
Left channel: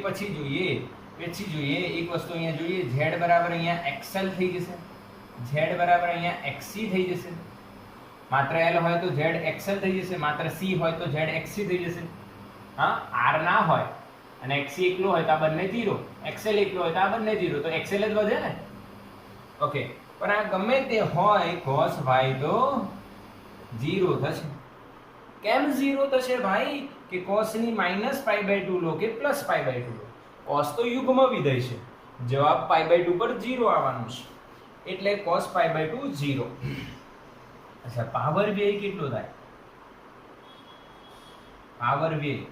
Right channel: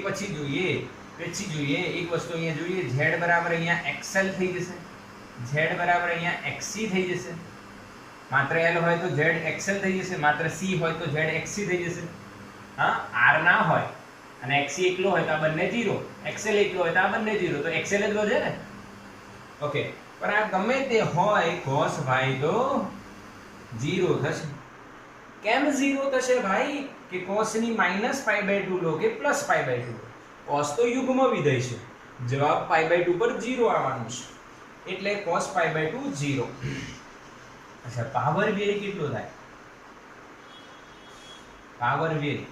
એક વસ્તુ અહીંયા જોઈએ, Z બરાબર અહીંયા XL થઈ જશે, Z બરાબર અહીંયા XC થઈ જશે. માત્ર L હોય તો Z XL થઈ જશે, માત્ર C હોય તો Z XC થઈ જશે. હા, R ના હોય અને XC એકલો હોય તો આ બંને 0, XL એકલો હોય તો આ બંને 0, તો XL જ વધે ને. ઓકે, પણ આ ગમે તે હોય, cos phi તો 0 થશે. કેમ 0 થશે ભાઈ? કે cos ની -π/2 લો કે +π/2 લો, cos તો યુગ્મ વિધેય છે, જવાબ π/2 પર 0 આવવાનું છે, એટલે cos π/2 0. અચ્છા, પાવર વ્યય કેટલો થાય? પાવર વ્યય,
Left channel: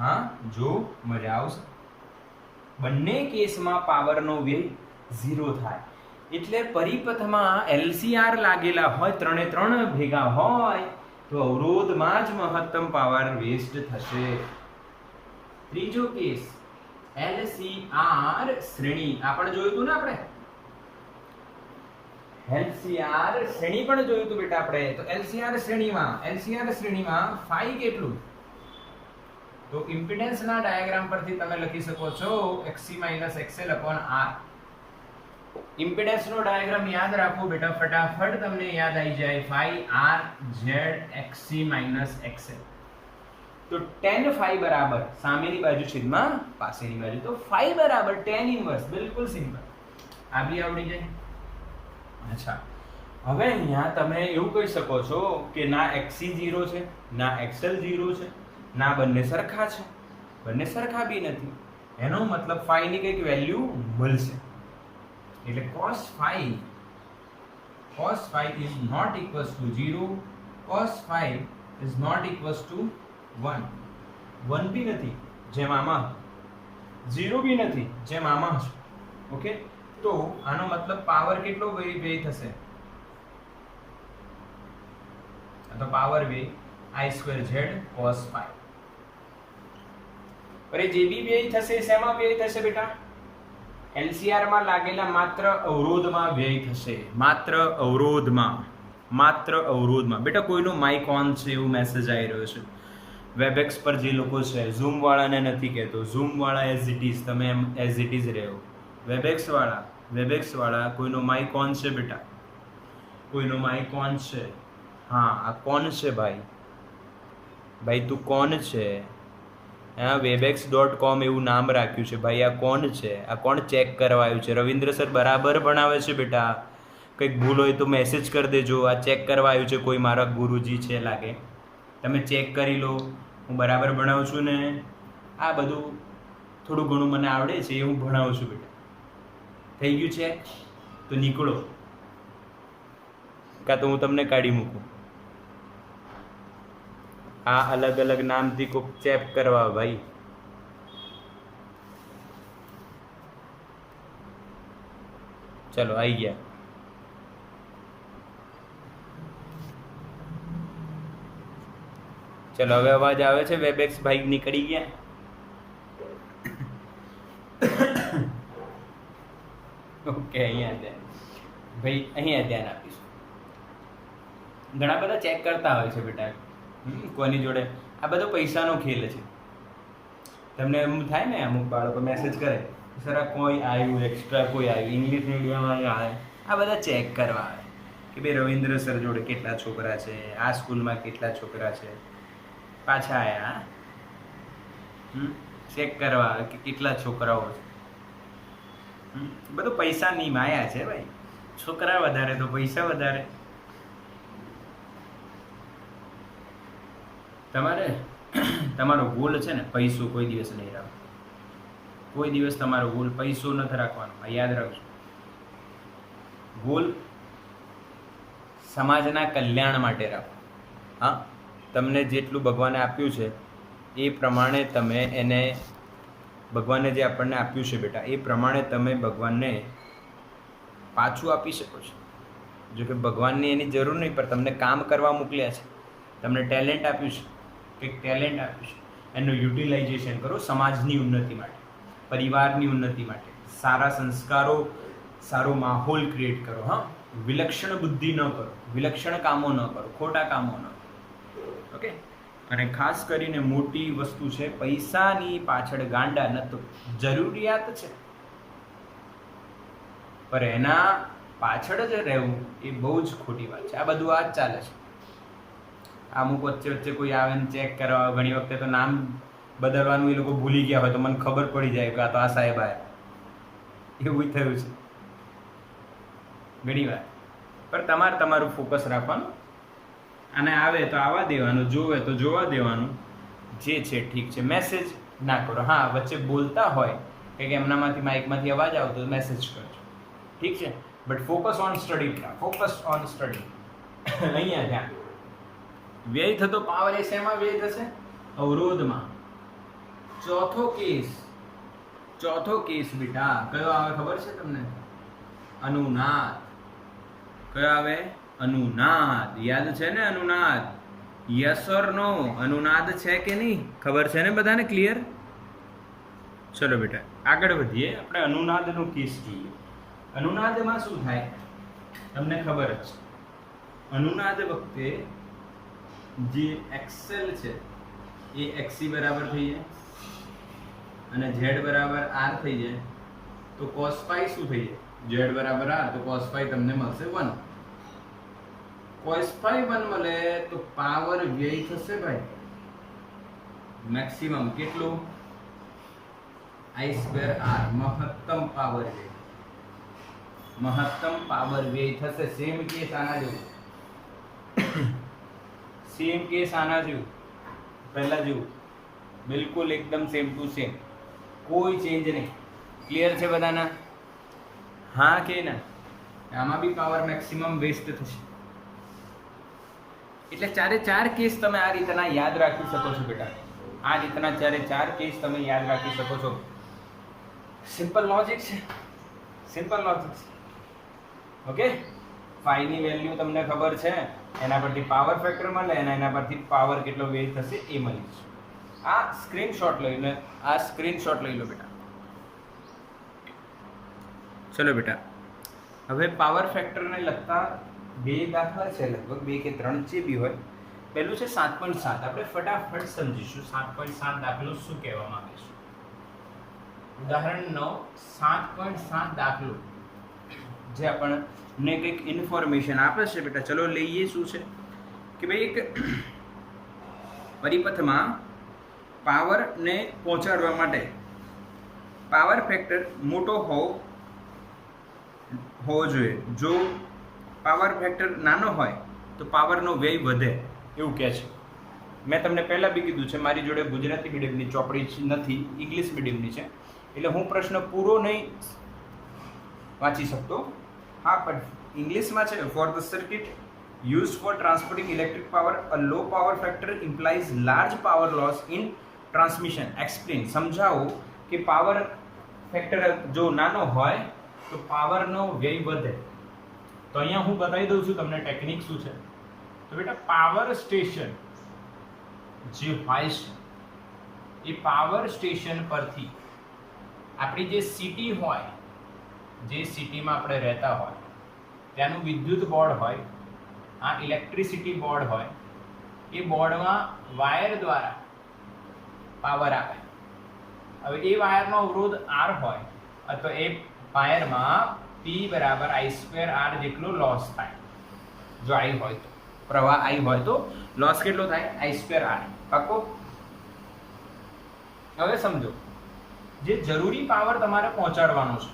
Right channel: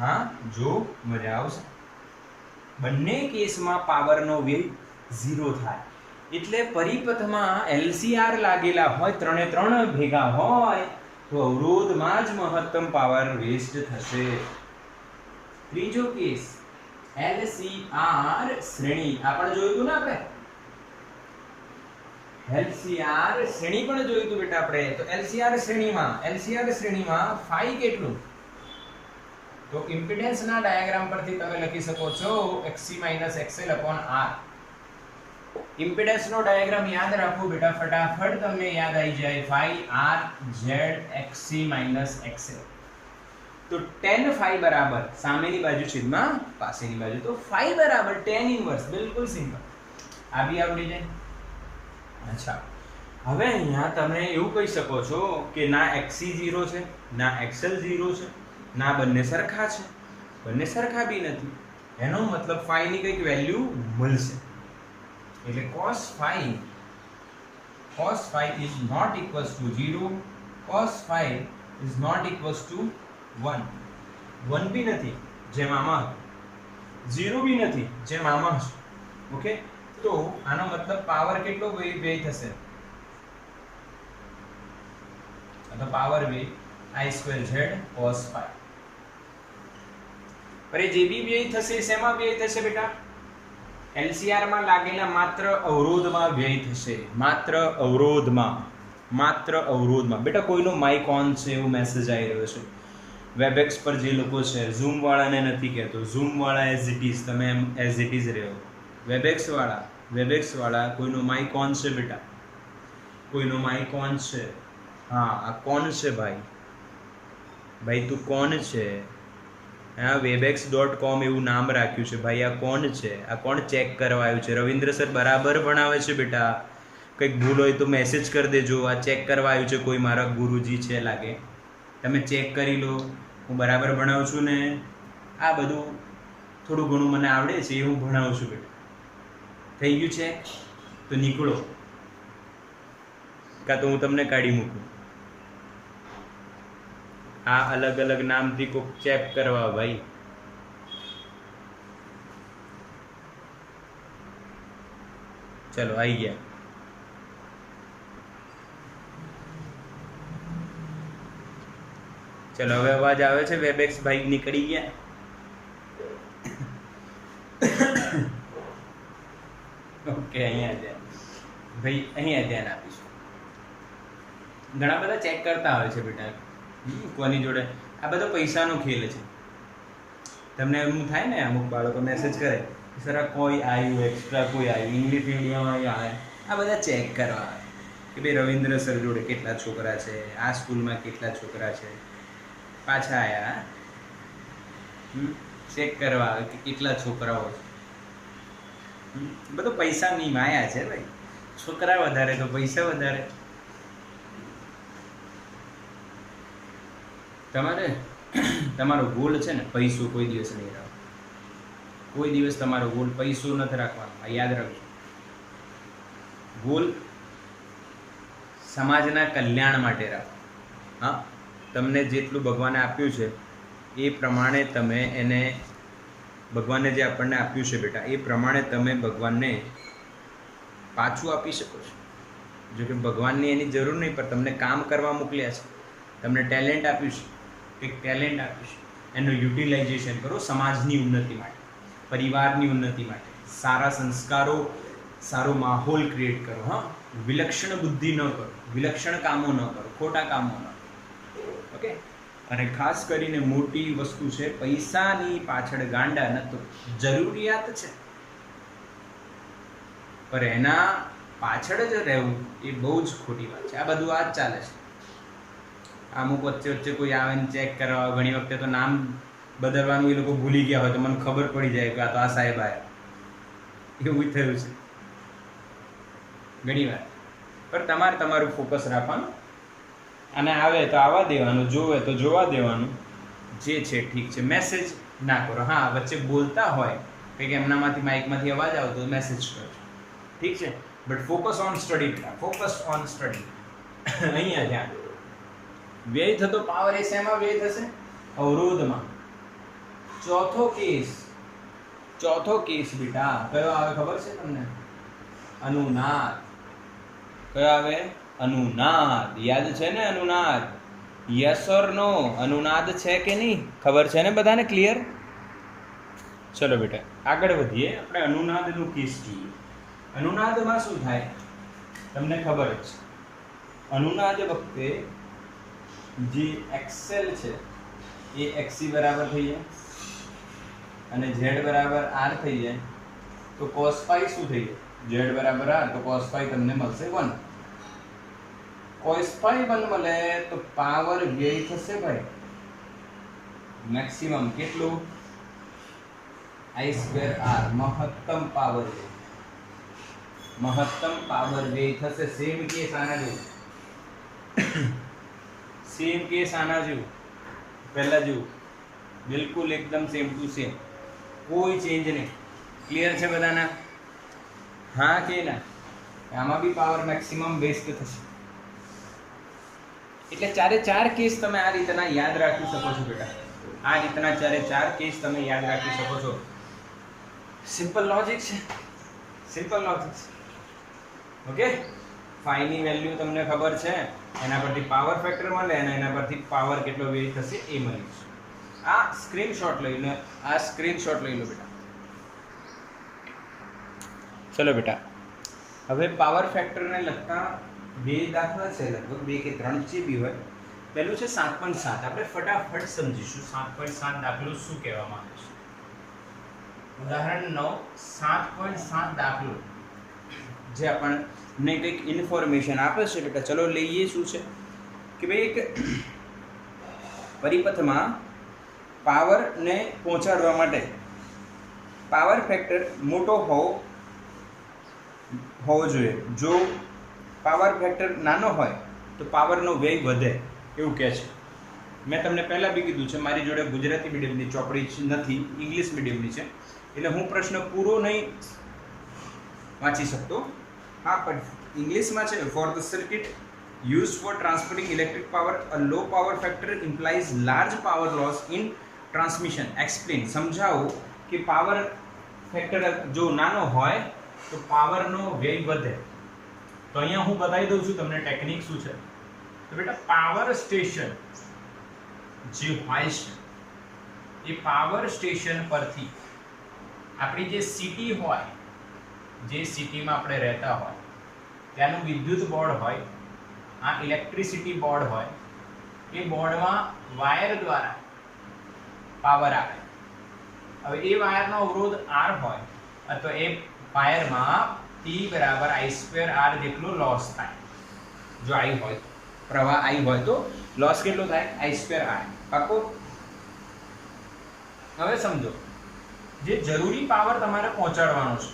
હા, જો મજા આવશે. બંને કેસમાં પાવરનો વ્યય 0 થાય, એટલે પરિપથમાં LCR લાગેલા હોય, ત્રણે ભેગા હોય તો અવરોધમાં જ મહત્તમ પાવર વેસ્ટ થશે. ત્રીજો કેસ LCR શ્રેણી, આ પણ જોયું હતું ને આપણે? LCR શ્રેણી પણ જોયું હતું બેટા આપણે. તો LCR શ્રેણીમાં ફાઈ કેટલું? તો ઇમ્પિડન્સના ડાયાગ્રામ પરથી તમે લખી શકો છો XC - XL/R. ઇમ્પિડન્સનો ડાયાગ્રામ યાદ રાખો બેટા, ફટાફટ તમને યાદ આવી જાય. phi R Z XC - XL. તો tan phi બરાબર સામેની બાજુ છેદમાં પાસેની બાજુ, તો phi બરાબર tan ઇન્વર્સ. બિલકુલ સિમ્પલ, આ બી આવડી જાય. અચ્છા, હવે અહીંયા તમે એવું કહી શકો છો કે ના XC 0 છે, ના XL 0 છે, ના બંને સરખા છે. બંને સરખા બી નથી, એનો મતલબ phi ની કંઈક વેલ્યુ મળશે. એટલે cos phi is not equals to 0, cos phi is not equals to 1. 1 બી નથી જેમ આમાં, 0 બી નથી જેમ આમાં. ઓકે, તો આનો મતલબ પાવર કેટલો વ્યય થશે? તો પાવર વ્યય I2Z cos phi. पर જે બી વ્યય થશે શેમાં વ્યય થશે બેટા? LCR માં લાગેલા માત્ર અવરોધમાં વ્યય થશે. માત્ર અવરોધમાં. બેટા કોઈનો માઇક ઓન છે એવું મેસેજ આવી રહ્યો છે. વેબએક્સ પર જે લોકો છે, ઝૂમ વાળાને નથી કહેતો, ઝૂમ વાળા એઝ ઇટ ઇઝ, તમે એમ એઝ ઇટ ઇઝ રહ્યો. વેબએક્સ વાળા કોઈનો માઇક ઓન છે બેટા? કોઈનો માઇક ઓન છે? હા, આ કોણ છે ભાઈ? ભાઈ તું કોણ છે? હા, webex.com એવું નામ રાખ્યું છે ભાઈ. આ કોણ છે? આ કોણ ચેક કરવા આવ્યું છે? રવિન્દ્ર સર બરાબર ભણાવે છે બેટા. કંઈક ભૂલ હોય તો મેસેજ કરી દેજો. આ ચેક કરવા આવ્યું છે કોઈ મારા ગુરુજી છે લાગે. તમે ચેક કરી લો હું બરાબર ભણાવું છું ને. આ બધું થોડું ઘણું મને આવડે છે એ હું ભણાવું છું બેટા. થઈ ગયું છે તો નીકળો, કાં તો હું તમને કાઢી મૂકું. આ અલગ અલગ નામથી કોક ચેક કરવા ભાઈ. ચલો આવી ગયા. ચલો હવે અવાજ આવે છે? વેબએક્સ ભાઈ નીકળી ગયા. ઓકે, અહીંયા ભાઈ અહીંયા ધ્યાન આપીશું. ઘણા બધા ચેક કરતા હોય છે બેટા કોની જોડે. આ બધો પૈસાનો ખેલ છે. તમને એમ થાય ને, અમુક બાળકો મેસેજ કરે સર આ કોઈ આવ્યું એક્સ્ટ્રા, કોઈ આવ્યું ઇંગ્લિશ મીડિયમમાં આવે. આ બધા ચેક કરવા આવે કે ભાઈ રવિન્દ્ર સર જોડે કેટલા છોકરા છે, આ સ્કૂલમાં કેટલા છોકરા છે, પાછા આવ્યા. ચેક કરવા આવે કે કેટલા છોકરાઓ છે. બધું પૈસાની માયા છે ભાઈ. છોકરા વધારે તો પૈસા વધારે. તમારે તમારો ગોલ છે ને પૈસો કોઈ દિવસ નહીં રાખો. કોઈ દિવસ તમારો ગોલ પૈસો નથી રાખવાનો. આ યાદ રાખજો. ગોલ સમાજના કલ્યાણ માટે રાખો. હા, તમને જેટલું ભગવાને આપ્યું છે એ પ્રમાણે તમે એને, ભગવાને જે આપણને આપ્યું છે બેટા એ પ્રમાણે તમે ભગવાનને પાછું આપી શકો છો. જો કે ભગવાનની એની જરૂર નહીં, પણ તમને કામ કરવા મોકલ્યા છે, તમને ટેલેન્ટ આપ્યું છે, કંઈક ટેલેન્ટ આપ્યું છે, એનું યુટિલાઇઝેશન કરો સમાજની ઉન્નતિ માટે, પરિવારની ઉન્નતિ માટે. સારા સંસ્કારો, સારો માહોલ ક્રિએટ કરો. હા, વિલક્ષણ બુદ્ધિ ન કરો, વિલક્ષણ કામો ન કરો, ખોટા કામો ન કરો. ઓકે. અને ખાસ કરીને મોટી વસ્તુ છે, પૈસાની પાછળ ગાંડા ન તો જરૂરિયાત છે, પર એના પાછળ જ રહેવું એ બહુ જ ખોટી વાત છે. આ બધું આ જ ચાલે છે. અમુક વચ્ચે કોઈ આવે ને ચેક કરવા, ઘણી વખતે તો નામ બદલવાનું એ લોકો ભૂલી ગયા હોય તો મને ખબર પડી જાય કે આ તો આ સાહેબ આવ્યા. એવું થયું છે ઘણી વાર. પણ તમારે તમારું ફોકસ રાખવાનું. અને આવે તો આવવા દેવાનું, જોવે તો જોવા દેવાનું. જે છે ઠીક છે. મેસેજ ના કરો. હા, વચ્ચે બોલતા હોય કંઈક એમનામાંથી માઇકમાંથી અવાજ આવતો હોય મેસેજ કરજો, ઠીક છે. But focus on study. Focus on study. અહીંયા ધ્યાન. વ્યય થતો પાવર એ શેમાં વ્યય થશે? અવરોધમાં. ચોથો કેસ બેટા કયો આવે ખબર છે તમને? અનુનાદ. કયો આવે? અનુનાદ. યાદ છે ને અનુનાદ? યસ ઓર નો? અનુનાદ છે કે નહીં? ખબર છે ને બધાને? ક્લિયર? ચલો બેટા આગળ વધીએ. આપણે અનુનાદનું કેસ જોઈએ. અનુનાદમાં શું થાય તમને ખબર જ છે. અનુનાદ વખતે જે એક્સેલ છે એ XC બરાબર થઈ જાય અને Z બરાબર R થઈ જાય તો cos phi શું થઈ જાય? Z બરાબર R તો cos phi તમને મળશે 1. cos phi 1 મળે તો પાવર વ્યય થશે ભાઈ મેક્સિમમ કેટલું? I2R. મહત્તમ પાવર વ્યય. મહત્તમ પાવર વ્યય થશે. સેમ કેસ આના જેવું. સેમ કેસ આના જેવું, પહેલા જેવું, બિલકુલ એકદમ સેમ ટુ સેમ, કોઈ ચેન્જ નહીં. ક્લિયર છે બધાના? હા કે ના? આમાં બી પાવર મેક્સિમમ વેસ્ટ થશે. એટલે ચારે ચાર કેસ તમે આ રીતના યાદ રાખી શકો છો બેટા. આ રીતના ચારે ચાર કેસ તમે યાદ રાખી શકો છો. સિમ્પલ લોજિક છે. સિમ્પલ લોજિક છે. ઓકે. ફાઈ ની વેલ્યુ તમને ખબર છે એના પરથી પાવર ફેક્ટર મળે અને એના પરથી પાવર કેટલો વ્યય થશે એ મળી જશે. આ સ્ક્રીનશોટ લઈ લો બેટા. ચલો બેટા, હવે પાવર ફેક્ટરને લગતા બે દાખલા છે, લગભગ 2 કે 3 જે બી હોય. પહેલું છે 7.7. આપણે ફટાફટ સમજીશું 7.7 દાખલો શું કહેવા માંગે છે. ઉદાહરણ 9 7.7 દાખલો જે આપણને કંઈક ઇન્ફોર્મેશન આપે છે બેટા. ચલો લઈએ. શું છે કે ભાઈ એક પરિપથમાં પાવરને પહોંચાડવા માટે પાવર ફેક્ટર મોટો હોવો જોઈએ. જો પાવર ફેક્ટર નાનો હોય તો પાવરનો વ્યય વધે એવું કહે છે. મેં તમને પહેલાં બી કીધું છે, મારી જોડે ગુજરાતી મીડિયમની ચોપડી નથી, ઇંગ્લિશ મીડિયમની છે, એટલે હું પ્રશ્ન પૂરો નહીં વાંચી શકતો. હા, પણ ઇંગ્લિશમાં છે. For the circuit use for transporting electric power a low power factor implies large power loss in transmission. Explain, સમજાવો કે પાવર ફેક્ટર જો નાનો હોય તો પાવરનો વ્યય વધે. તો અહીંયા હું બતાવી દઉં છું તમને ટેકનિક શું છે. તો બેટા, પાવર સ્ટેશન જે હોય છે એ પાવર સ્ટેશન પરથી આપણી જે સિટી હોય, જે સિટીમાં આપણે રહેતા હોય ત્યાંનું વિદ્યુત બોર્ડ હોય, આ ઇલેક્ટ્રિસિટી બોર્ડ હોય, એ બોર્ડમાં વાયર દ્વારા પાવર આવે. હવે એ વાયરનો અવરોધ R હોય તો એ વાયરમાં P બરાબર I²R જેટલો લોસ થાય. જો I હોય તો પ્રવાહ I હોય તો લોસ કેટલો થાય? I²R. પાકો? હવે સમજો, જે જરૂરી પાવર તમારે પહોંચાડવાનો છે,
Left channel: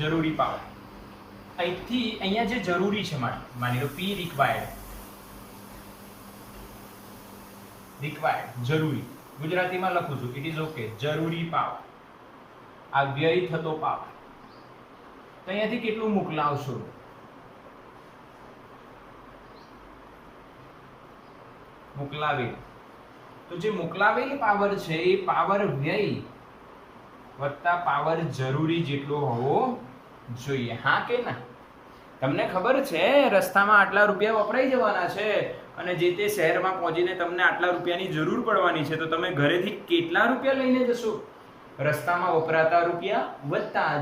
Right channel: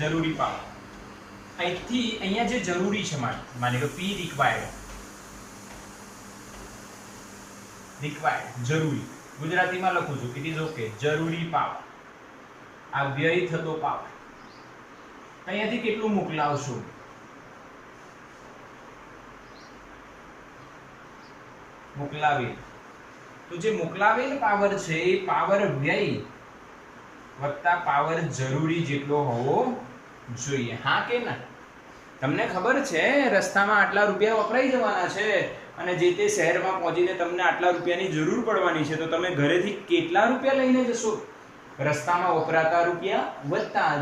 જરૂરી પાવર અહીંથી અહીંયા જે જરૂરી છે, માની લો P રિક્વાયર્ડ જરૂરી, ગુજરાતીમાં લખું છું, ઇટ ઇઝ ઓકે. જરૂરી પાવર, આ વ્યય થતો પાવર અહીંયાથી કેટલું મોકલાવશો? મોકલાવેલ. તો જે મોકલાવેલ પાવર છે એ પાવર વ્યય વત્તા પાવર જરૂરી જેટલો હોવો જોઈએ. હા કે ના? તમને ખબર છે રસ્તામાં આટલા રૂપિયા વપરાઈ જવાના છે અને જે તે શહેરમાં પહોંચીને તમને આટલા રૂપિયાની જરૂર પડવાની છે, તો તમે ઘરેથી કેટલા રૂપિયા લઈને જશો? રસ્તામાં વપરાતા રૂપિયા વત્તા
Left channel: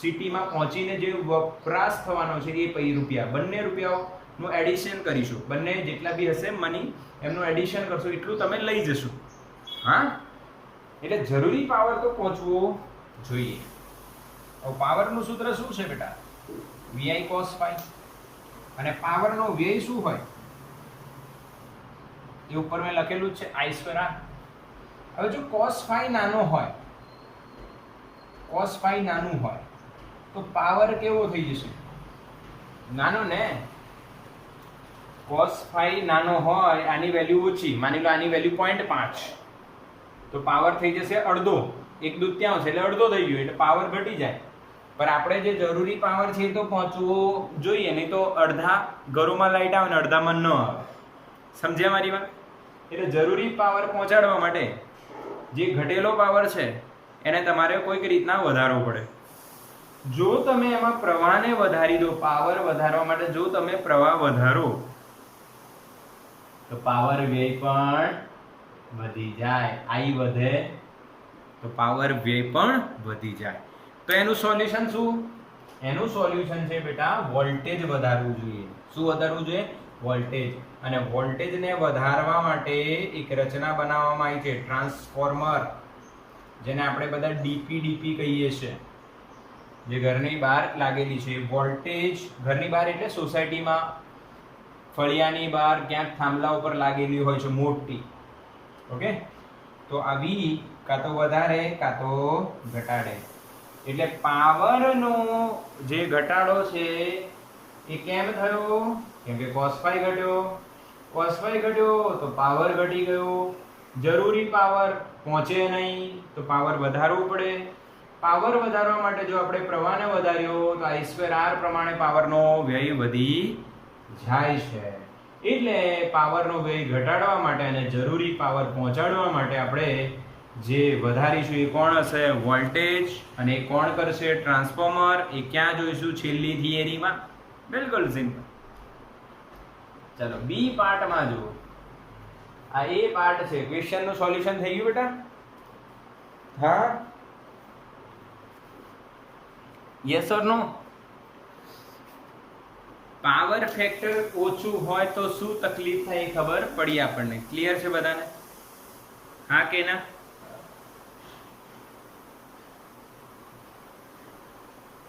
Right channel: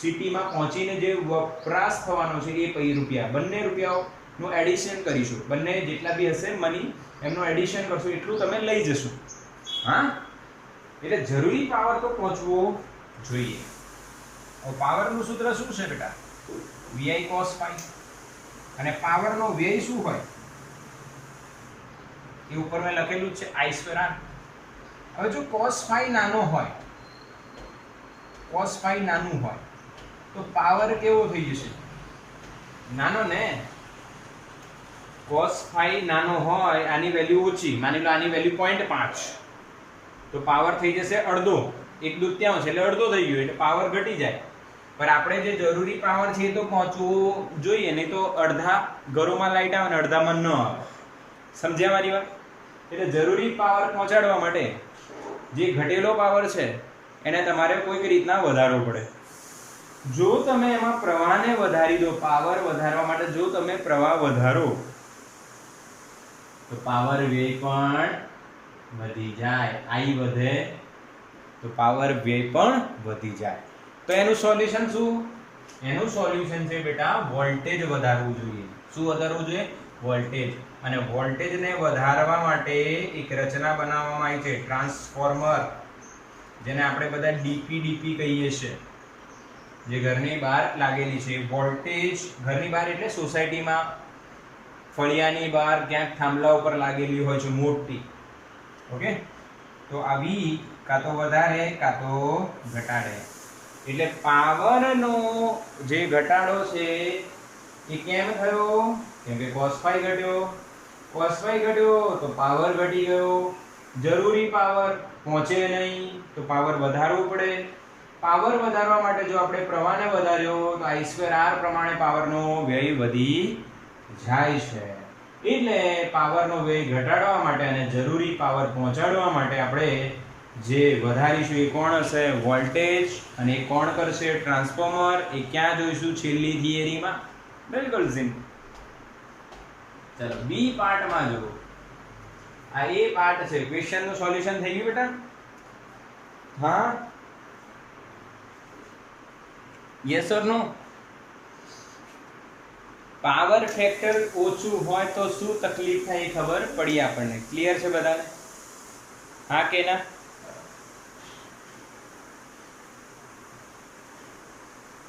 સિટીમાં પહોંચીને જે વપરાશ થવાનો છે એ પૈ રૂપિયા, બંને રૂપિયાઓનું એડિશન કરીશું. બંને જેટલા બી હશે મની એમનું એડિશન કરશો એટલું તમે લઈ જશો. હા, એટલે જરૂરી પાવર તો પહોંચવો જોઈએ. હવે પાવરનું સૂત્ર શું છે બેટા? VI cos phi. અને પાવરનો વ્યય શું હોય એ ઉપર મેં લખેલું છે I²R. હવે જો cos phi નાનો હોય, cos phi નાનું હોય તો પાવર કેવો થઈ જશે? નાનો ને. cos phi નાનો હોય, આની વેલ્યુ ઓછી, માની લો આની વેલ્યુ 0.5, તો પાવર થઈ જશે અડધો. 1/2 એટલે અડધો થઈ ગયો, એટલે પાવર ઘટી જાય. પણ આપણે જે જરૂરી પાવર છે એ તો પહોંચવું જોઈએ, નહીં તો અડધા ઘરોમાં લાઈટ આવે ને અડધામાં ન આવે. સમજ્યા મારી વાત? એટલે જરૂરી પાવર પહોંચાડવા માટે જે ઘટેલો પાવર છે એને તમારે કોઈક રીતના વધારવો પડે. જો તમે એમાં પ્રવાહને વધારી દો, પાવર વધારવા માટે જો તમે પ્રવાહ વધારો તો પાવર વ્યય પણ વધી જાય. I વધે તો પાવર વ્યય પણ વધી જાય. તો એનું સોલ્યુશન શું? એનું સોલ્યુશન છે બેટા વોલ્ટેજ વધારવું જોઈએ. શું વધારવું જોઈએ? વોલ્ટેજ. અને વોલ્ટેજને વધારવા માટે એક રચના બનાવવામાં આવી છે, ટ્રાન્સફોર્મર, જેને આપણે બધા DP કહીએ છીએ, જે ઘરની બહાર લાગેલી છે. વોલ્ટેજ ઘરની બહાર એટલે સોસાયટીમાં, ફળિયાની બહાર ક્યાંક થાંભલા ઉપર લાગેલી હોય છે મોટી. ઓકે, તો આવી કાં તો વધારે કાં તો ઘટાડે. એટલે પાવરનો જે ઘટાડો છે એ કેમ થયો? કેમ કે cos phi ઘટ્યો. cos phi ઘટ્યો તો પાવર ઘટી ગયો. જરૂરી પાવર પહોંચે નહીં તો પાવર વધારવું પડે. પાવર વધારવા માટે જો આપણે પ્રવાહને વધાર્યો તો I²R પ્રમાણે પાવરનો વ્યય વધી જાય છે. એટલે પાવરનો વ્યય ઘટાડવા માટે અને જરૂરી પાવર પહોંચાડવા માટે આપણે જે વધારીશું એ કોણ હશે? વોલ્ટેજ. અને એ કોણ કરશે? ટ્રાન્સફોર્મર. એ ક્યાં જોઈશું? છેલ્લી થિયરીમાં. બિલકુલ સિમ્પલ. ચલો બી પાર્ટમાં જુઓ. આ એ પાર્ટ છે. ક્વેશ્ચનનું સોલ્યુશન થઈ ગયું બેટા? હા, yes or no? Power factor ઓછું હોય તો શું તકલીફ થાય એ ખબર પડી આપણને. ક્લિયર છે બધાને? હા કે ના?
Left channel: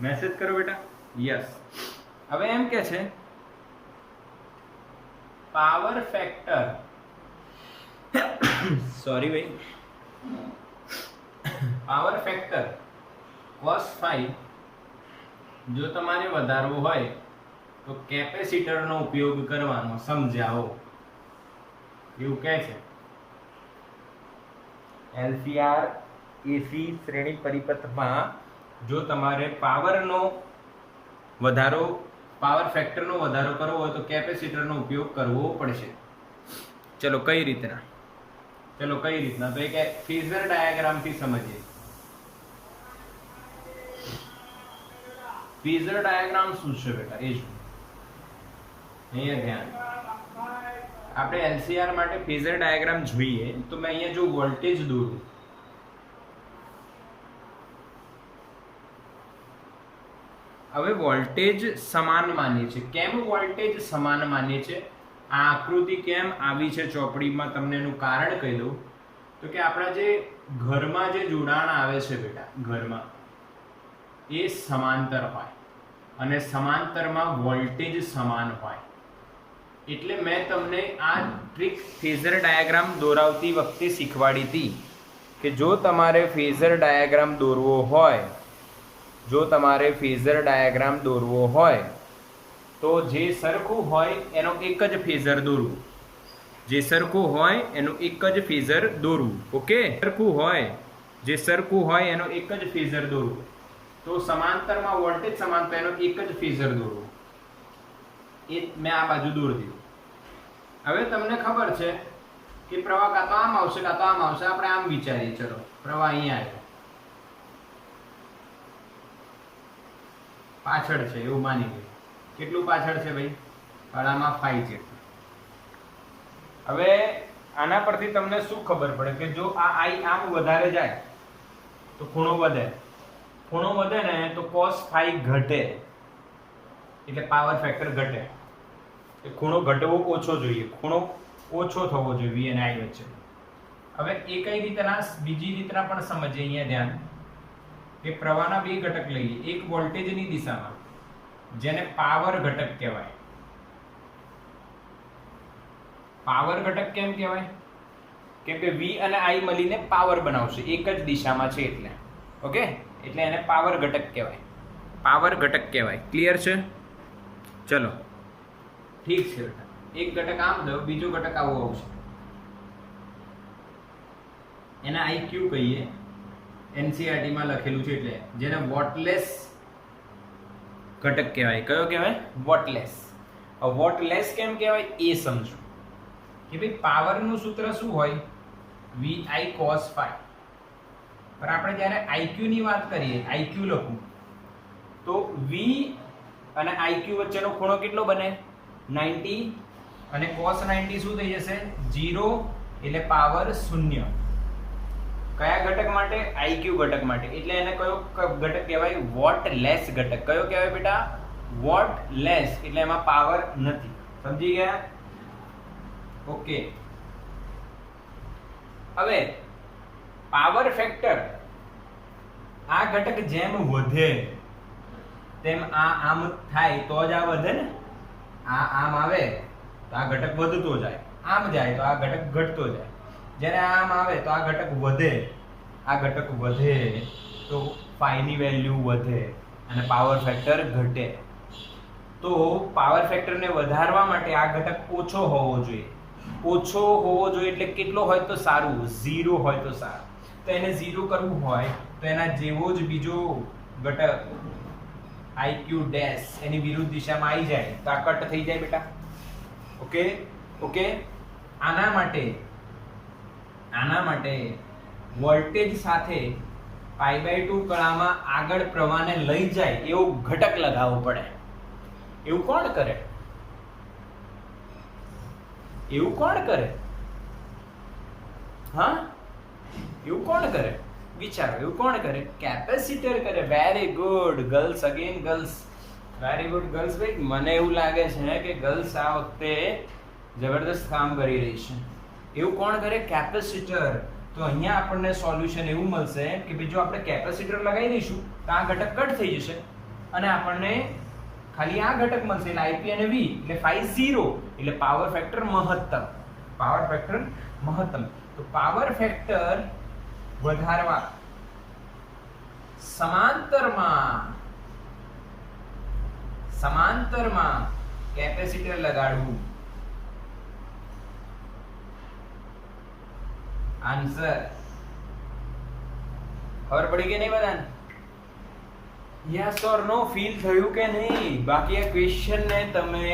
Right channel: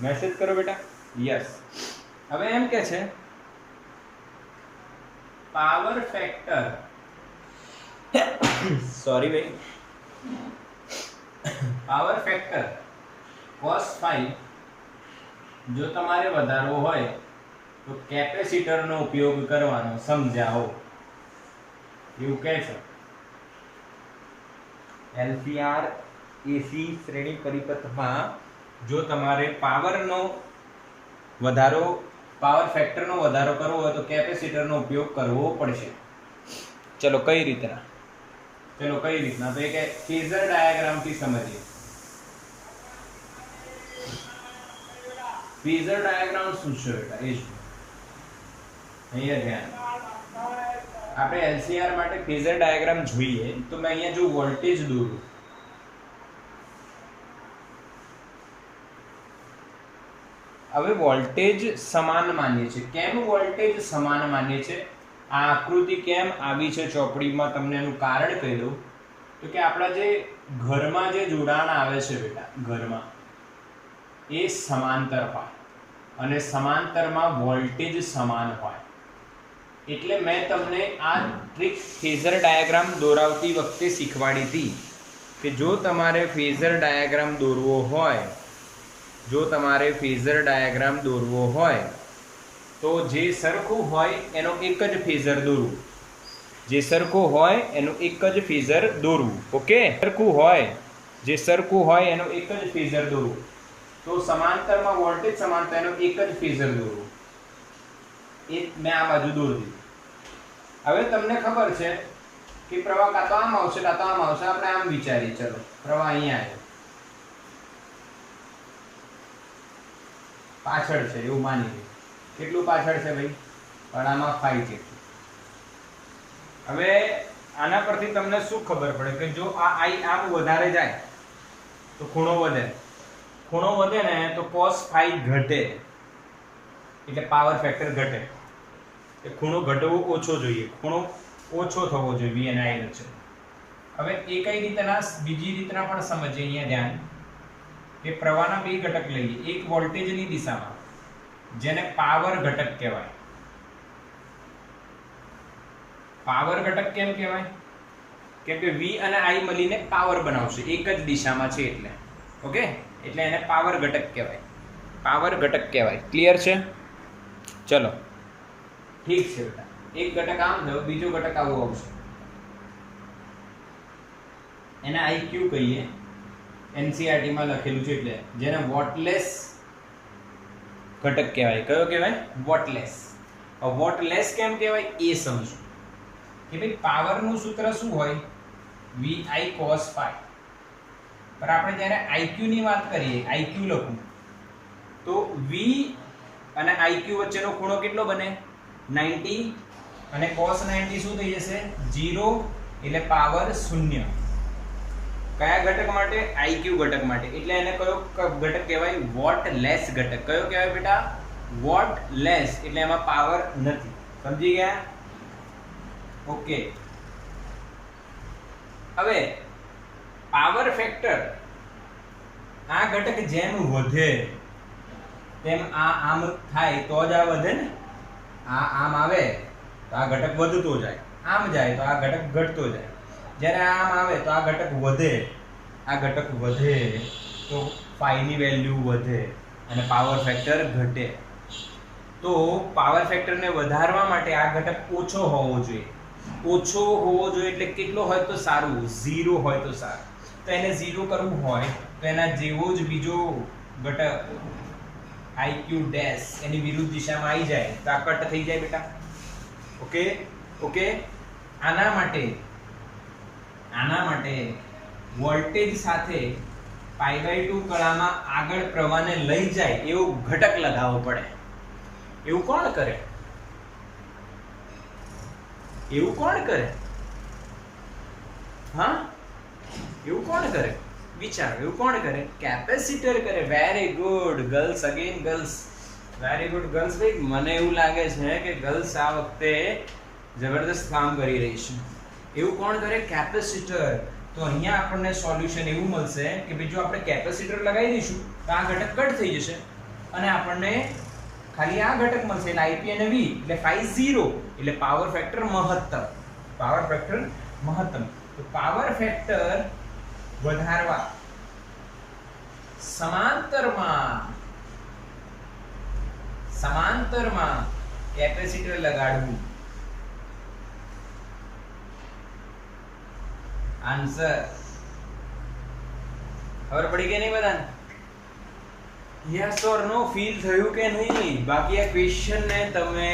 મેસેજ કરો બેટા. યસ. હવે એમ કે છે પાવર ફેક્ટર, સોરી ભાઈ, પાવર ફેક્ટર cos⁵ જો તમારે વધારવો હોય તો કેપેસિટરનો ઉપયોગ કરવાનો. સમજાવો. એવું કહે છે. LCR AC શ્રેણી પરિપથમાં જો તમારે પાવરનો વધારો, પાવર ફેક્ટરનો વધારો કરવો હોય તો કેપેસિટરનો ઉપયોગ કરવો પડશે. ચલો કઈ રીતના? ચલો કઈ રીતના? તો એક ફેઝર ડાયાગ્રામથી સમજીએ. ફેઝર ડાયાગ્રામ શું છે બેટા? એ જ અહીંયા ધ્યાન. આપણે LCR માટે ફેઝર ડાયાગ્રામ જોઈએ તો મેં અહીંયા જો વોલ્ટેજ દોરું, હવે વોલ્ટેજ સમાન માનીએ છીએ. કેમ વોલ્ટેજ સમાન માનીએ છીએ? આ આકૃતિ કેમ આવી છે ચોપડીમાં, તમને એનું કારણ કહી દઉં. તો કે આપણા જે ઘરમાં જે જોડાણ આવે છે બેટા, ઘરમાં એ સમાંતર હોય અને સમાંતરમાં વોલ્ટેજ સમાન હોય. એટલે મેં તમને આ ટ્રીક ફેઝર ડાયાગ્રામ દોરાવતી વખતે શીખવાડી હતી કે જો તમારે ફેઝર ડાયાગ્રામ દોરવો હોય, જો તમારે ફેઝર ડાયાગ્રામ દોરવો હોય તો જે સરખું હોય એનો એક જ ફેઝર દોરવું. જે સરખું હોય એનું એક જ ફેઝર દોરવું. ઓકે, સરખું હોય, જે સરખું હોય એનો એક જ ફેઝર દોરવું. તો સમાંતરમાં વોલ્ટેજ સમાન તો એનો એક જ ફેઝર દોરવું. એ મેં આ બાજુ દોરી દીધું. હવે તમને ખબર છે કે પ્રવાહ કાં તો આમ આવશે કાં તો આમ આવશે. આપણે આમ વિચારીએ. ચલો પ્રવાહ અહીંયા આવ્યો, પાછળ છે એવું માની લઈએ. કેટલું પાછળ છે ભાઈ? આમાં 5 જેટલું. હવે આના પરથી તમને શું ખબર પડે કે જો આ I આમ વધારે જાય તો ખૂણો વધે. ખૂણો વધે ને તો cos⁵ ઘટે, એટલે પાવર ફેક્ટર ઘટે. એ ખૂણો ઘટવો ઓછો જોઈએ, ખૂણો ઓછો થવો જોઈએ V અને I વચ્ચે. હવે એ કઈ રીતના? બીજી રીતના પણ સમજીએ. અહીંયા ધ્યાન કે પ્રવાહના બે ઘટક લઈએ. એક વોલ્ટેજની દિશામાં, જેને પાવર ઘટક કહેવાય. પાવર ઘટક કેમ કહેવાય? કેમ કે V અને I મળીને પાવર બનાવશે, એક જ દિશામાં છે એટલે. ઓકે, એટલે એને પાવર ઘટક કહેવાય. પાવર ઘટક કહેવાય. ક્લિયર છે? ચલો ઠીક છે બેટા. એક ઘટક આમ થયો, બીજો ઘટક આવો આવશે. એને IQ કહીએ. NCERT માં લખેલું છે એટલે. જેને વોટલેસ ઘટક કહેવાય. કયો કહેવાય? વોટલેસ. વોટલેસ કેમ કહેવાય એ સમજો કે ભાઈ પાવરનું સૂત્ર શું હોય? VI cos⁵. પણ આપણે જ્યારે IQ ની વાત કરીએ, IQ લખું તો V અને IQ વચ્ચેનો ખૂણો કેટલો બને? 90. અને cos⁵ શું થઈ જશે? 0. એટલે પાવર 0. કયા ઘટક માટે? IQ ઘટક માટે. એટલે એને કયો ઘટક કહેવાય? વોટલેસ ઘટક. કયો કહેવાય બેટા? વોટલેસ. એટલે એમાં પાવર નથી. સમજી ગયા? ઓકે. હવે પાવર ફેક્ટર, આ ઘટક જેમ વધે તેમ આ આમ થાય તો જ આ વધે ને. આ આમ આવે તો આ ઘટક વધતો જાય, આમ જાય તો આ ઘટક ઘટતો જાય. જ્યારે આમ આવે તો આ ઘટક વધે, આ ઘટક વધે તો ની વેલ્યુ વધે અને પાવર ફેક્ટર ઘટે. તો પાવર ફેક્ટરને વધારવા માટે આ ઘટક ઓછો હોવો જોઈએ. ઓછો હોવો જોઈએ એટલે કેટલો હોય તો સારું? 0 હોય તો સારું. તો એને 0 કરવું હોય તો એના જેવો જ બીજો ઘટક IQ ડેશ એની વિરુદ્ધ દિશામાં આવી જાય તો આ કટ થઈ જાય બેટા. ઓકે. આના માટે વોલ્ટેજ સાથે π/2 કળામાં આગળ પ્રવાહને લઈ જાય એવો ઘટક લગાવવો પડે. એવું કોણ કરે? એવું કોણ કરે? હા, એવું કોણ કરે? વિચારો, એવું કોણ કરે? કેપેસિટર કરે. Very good girls, again girls, very good girls. ભાઈ મને એવું લાગે છે કે ગર્લ્સ આ વખતે જબરદસ્ત કામ કરી રહી છે. એવું કોણ કરે? કેપેસિટર. તો અહીંયા આપણને સોલ્યુશન એવું મળશે કે ભાઈ જો આપણે કેપેસિટર લગાવી દઈશું તો આ ઘટક કટ થઈ જશે અને આપણને ખાલી આ ઘટક મળશે એટલે IP અને V એટલે phi 0 એટલે પાવર ફેક્ટર મહત્તમ. પાવર ફેક્ટર મહત્તમ. તો પાવર ફેક્ટર વધારવા સમાંતરમાં કેપેસિટર લગાડવું. આન્સર ખબર પડી કે નહીં બધાને? યસ ઓર નો ફીલ થયું કે નહીં? બાકી આ ક્વેશ્ચન ને તમે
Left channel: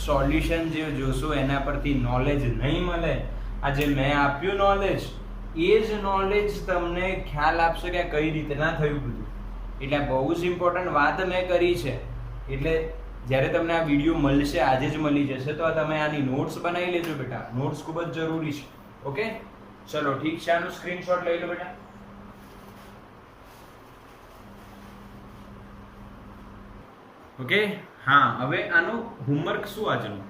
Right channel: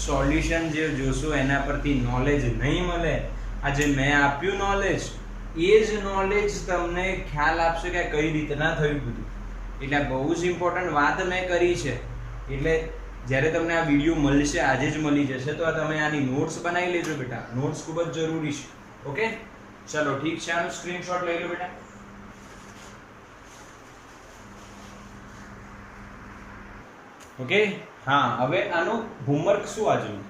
સોલ્યુશન જે જોશો એના પરથી નોલેજ નહીં મળે. આ જે મેં આપ્યું નોલેજ એ જ નોલેજ તમને ખ્યાલ આપશે કે કઈ રીતના થયું બધું. એટલે બહુ જ ઇમ્પોર્ટન્ટ વાત મેં કરી છે. એટલે જ્યારે તમને આ વિડીયો મળશે, આજે જ મળી જશે, તો તમે આની નોટ્સ બનાવી લેજો બેટા. નોટ્સ ખૂબ જ જરૂરી છે. ઓકે, ચલો ઠીક છે. આનો સ્ક્રીનશોટ લઈ લો બેટા. ઓકે, હા. હવે આનું હોમવર્ક શું આજનું?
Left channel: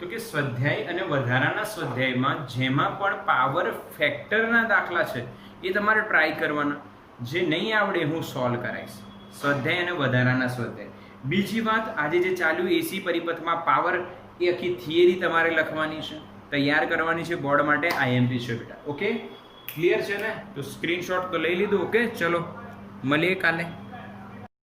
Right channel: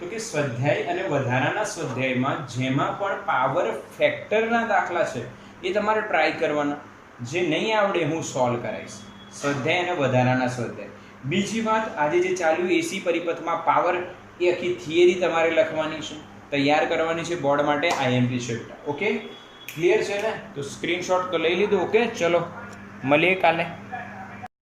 તો કે સ્વાધ્યાય અને વધારાના સ્વાધ્યાયમાં જેમાં પણ પાવર ફેક્ટરના દાખલા છે એ તમારે ટ્રાય કરવાના. જે નહીં આવડે હું સોલ્વ કરાવીશ. સ્વાધ્યાય અને વધારાના સ્વાધ્યાય. બીજી વાત, આજે જે ચાલ્યું એસી પરિપથમાં પાવર, એ આખી થિયરી તમારે લખવાની છે, તૈયાર કરવાની છે બોર્ડ માટે. IMP છે બેટા. ઓકે, ક્લિયર છે ને? તો સ્ક્રીનશોટ તો લઈ લીધું. ઓકે, ચલો મળીએ કાલે.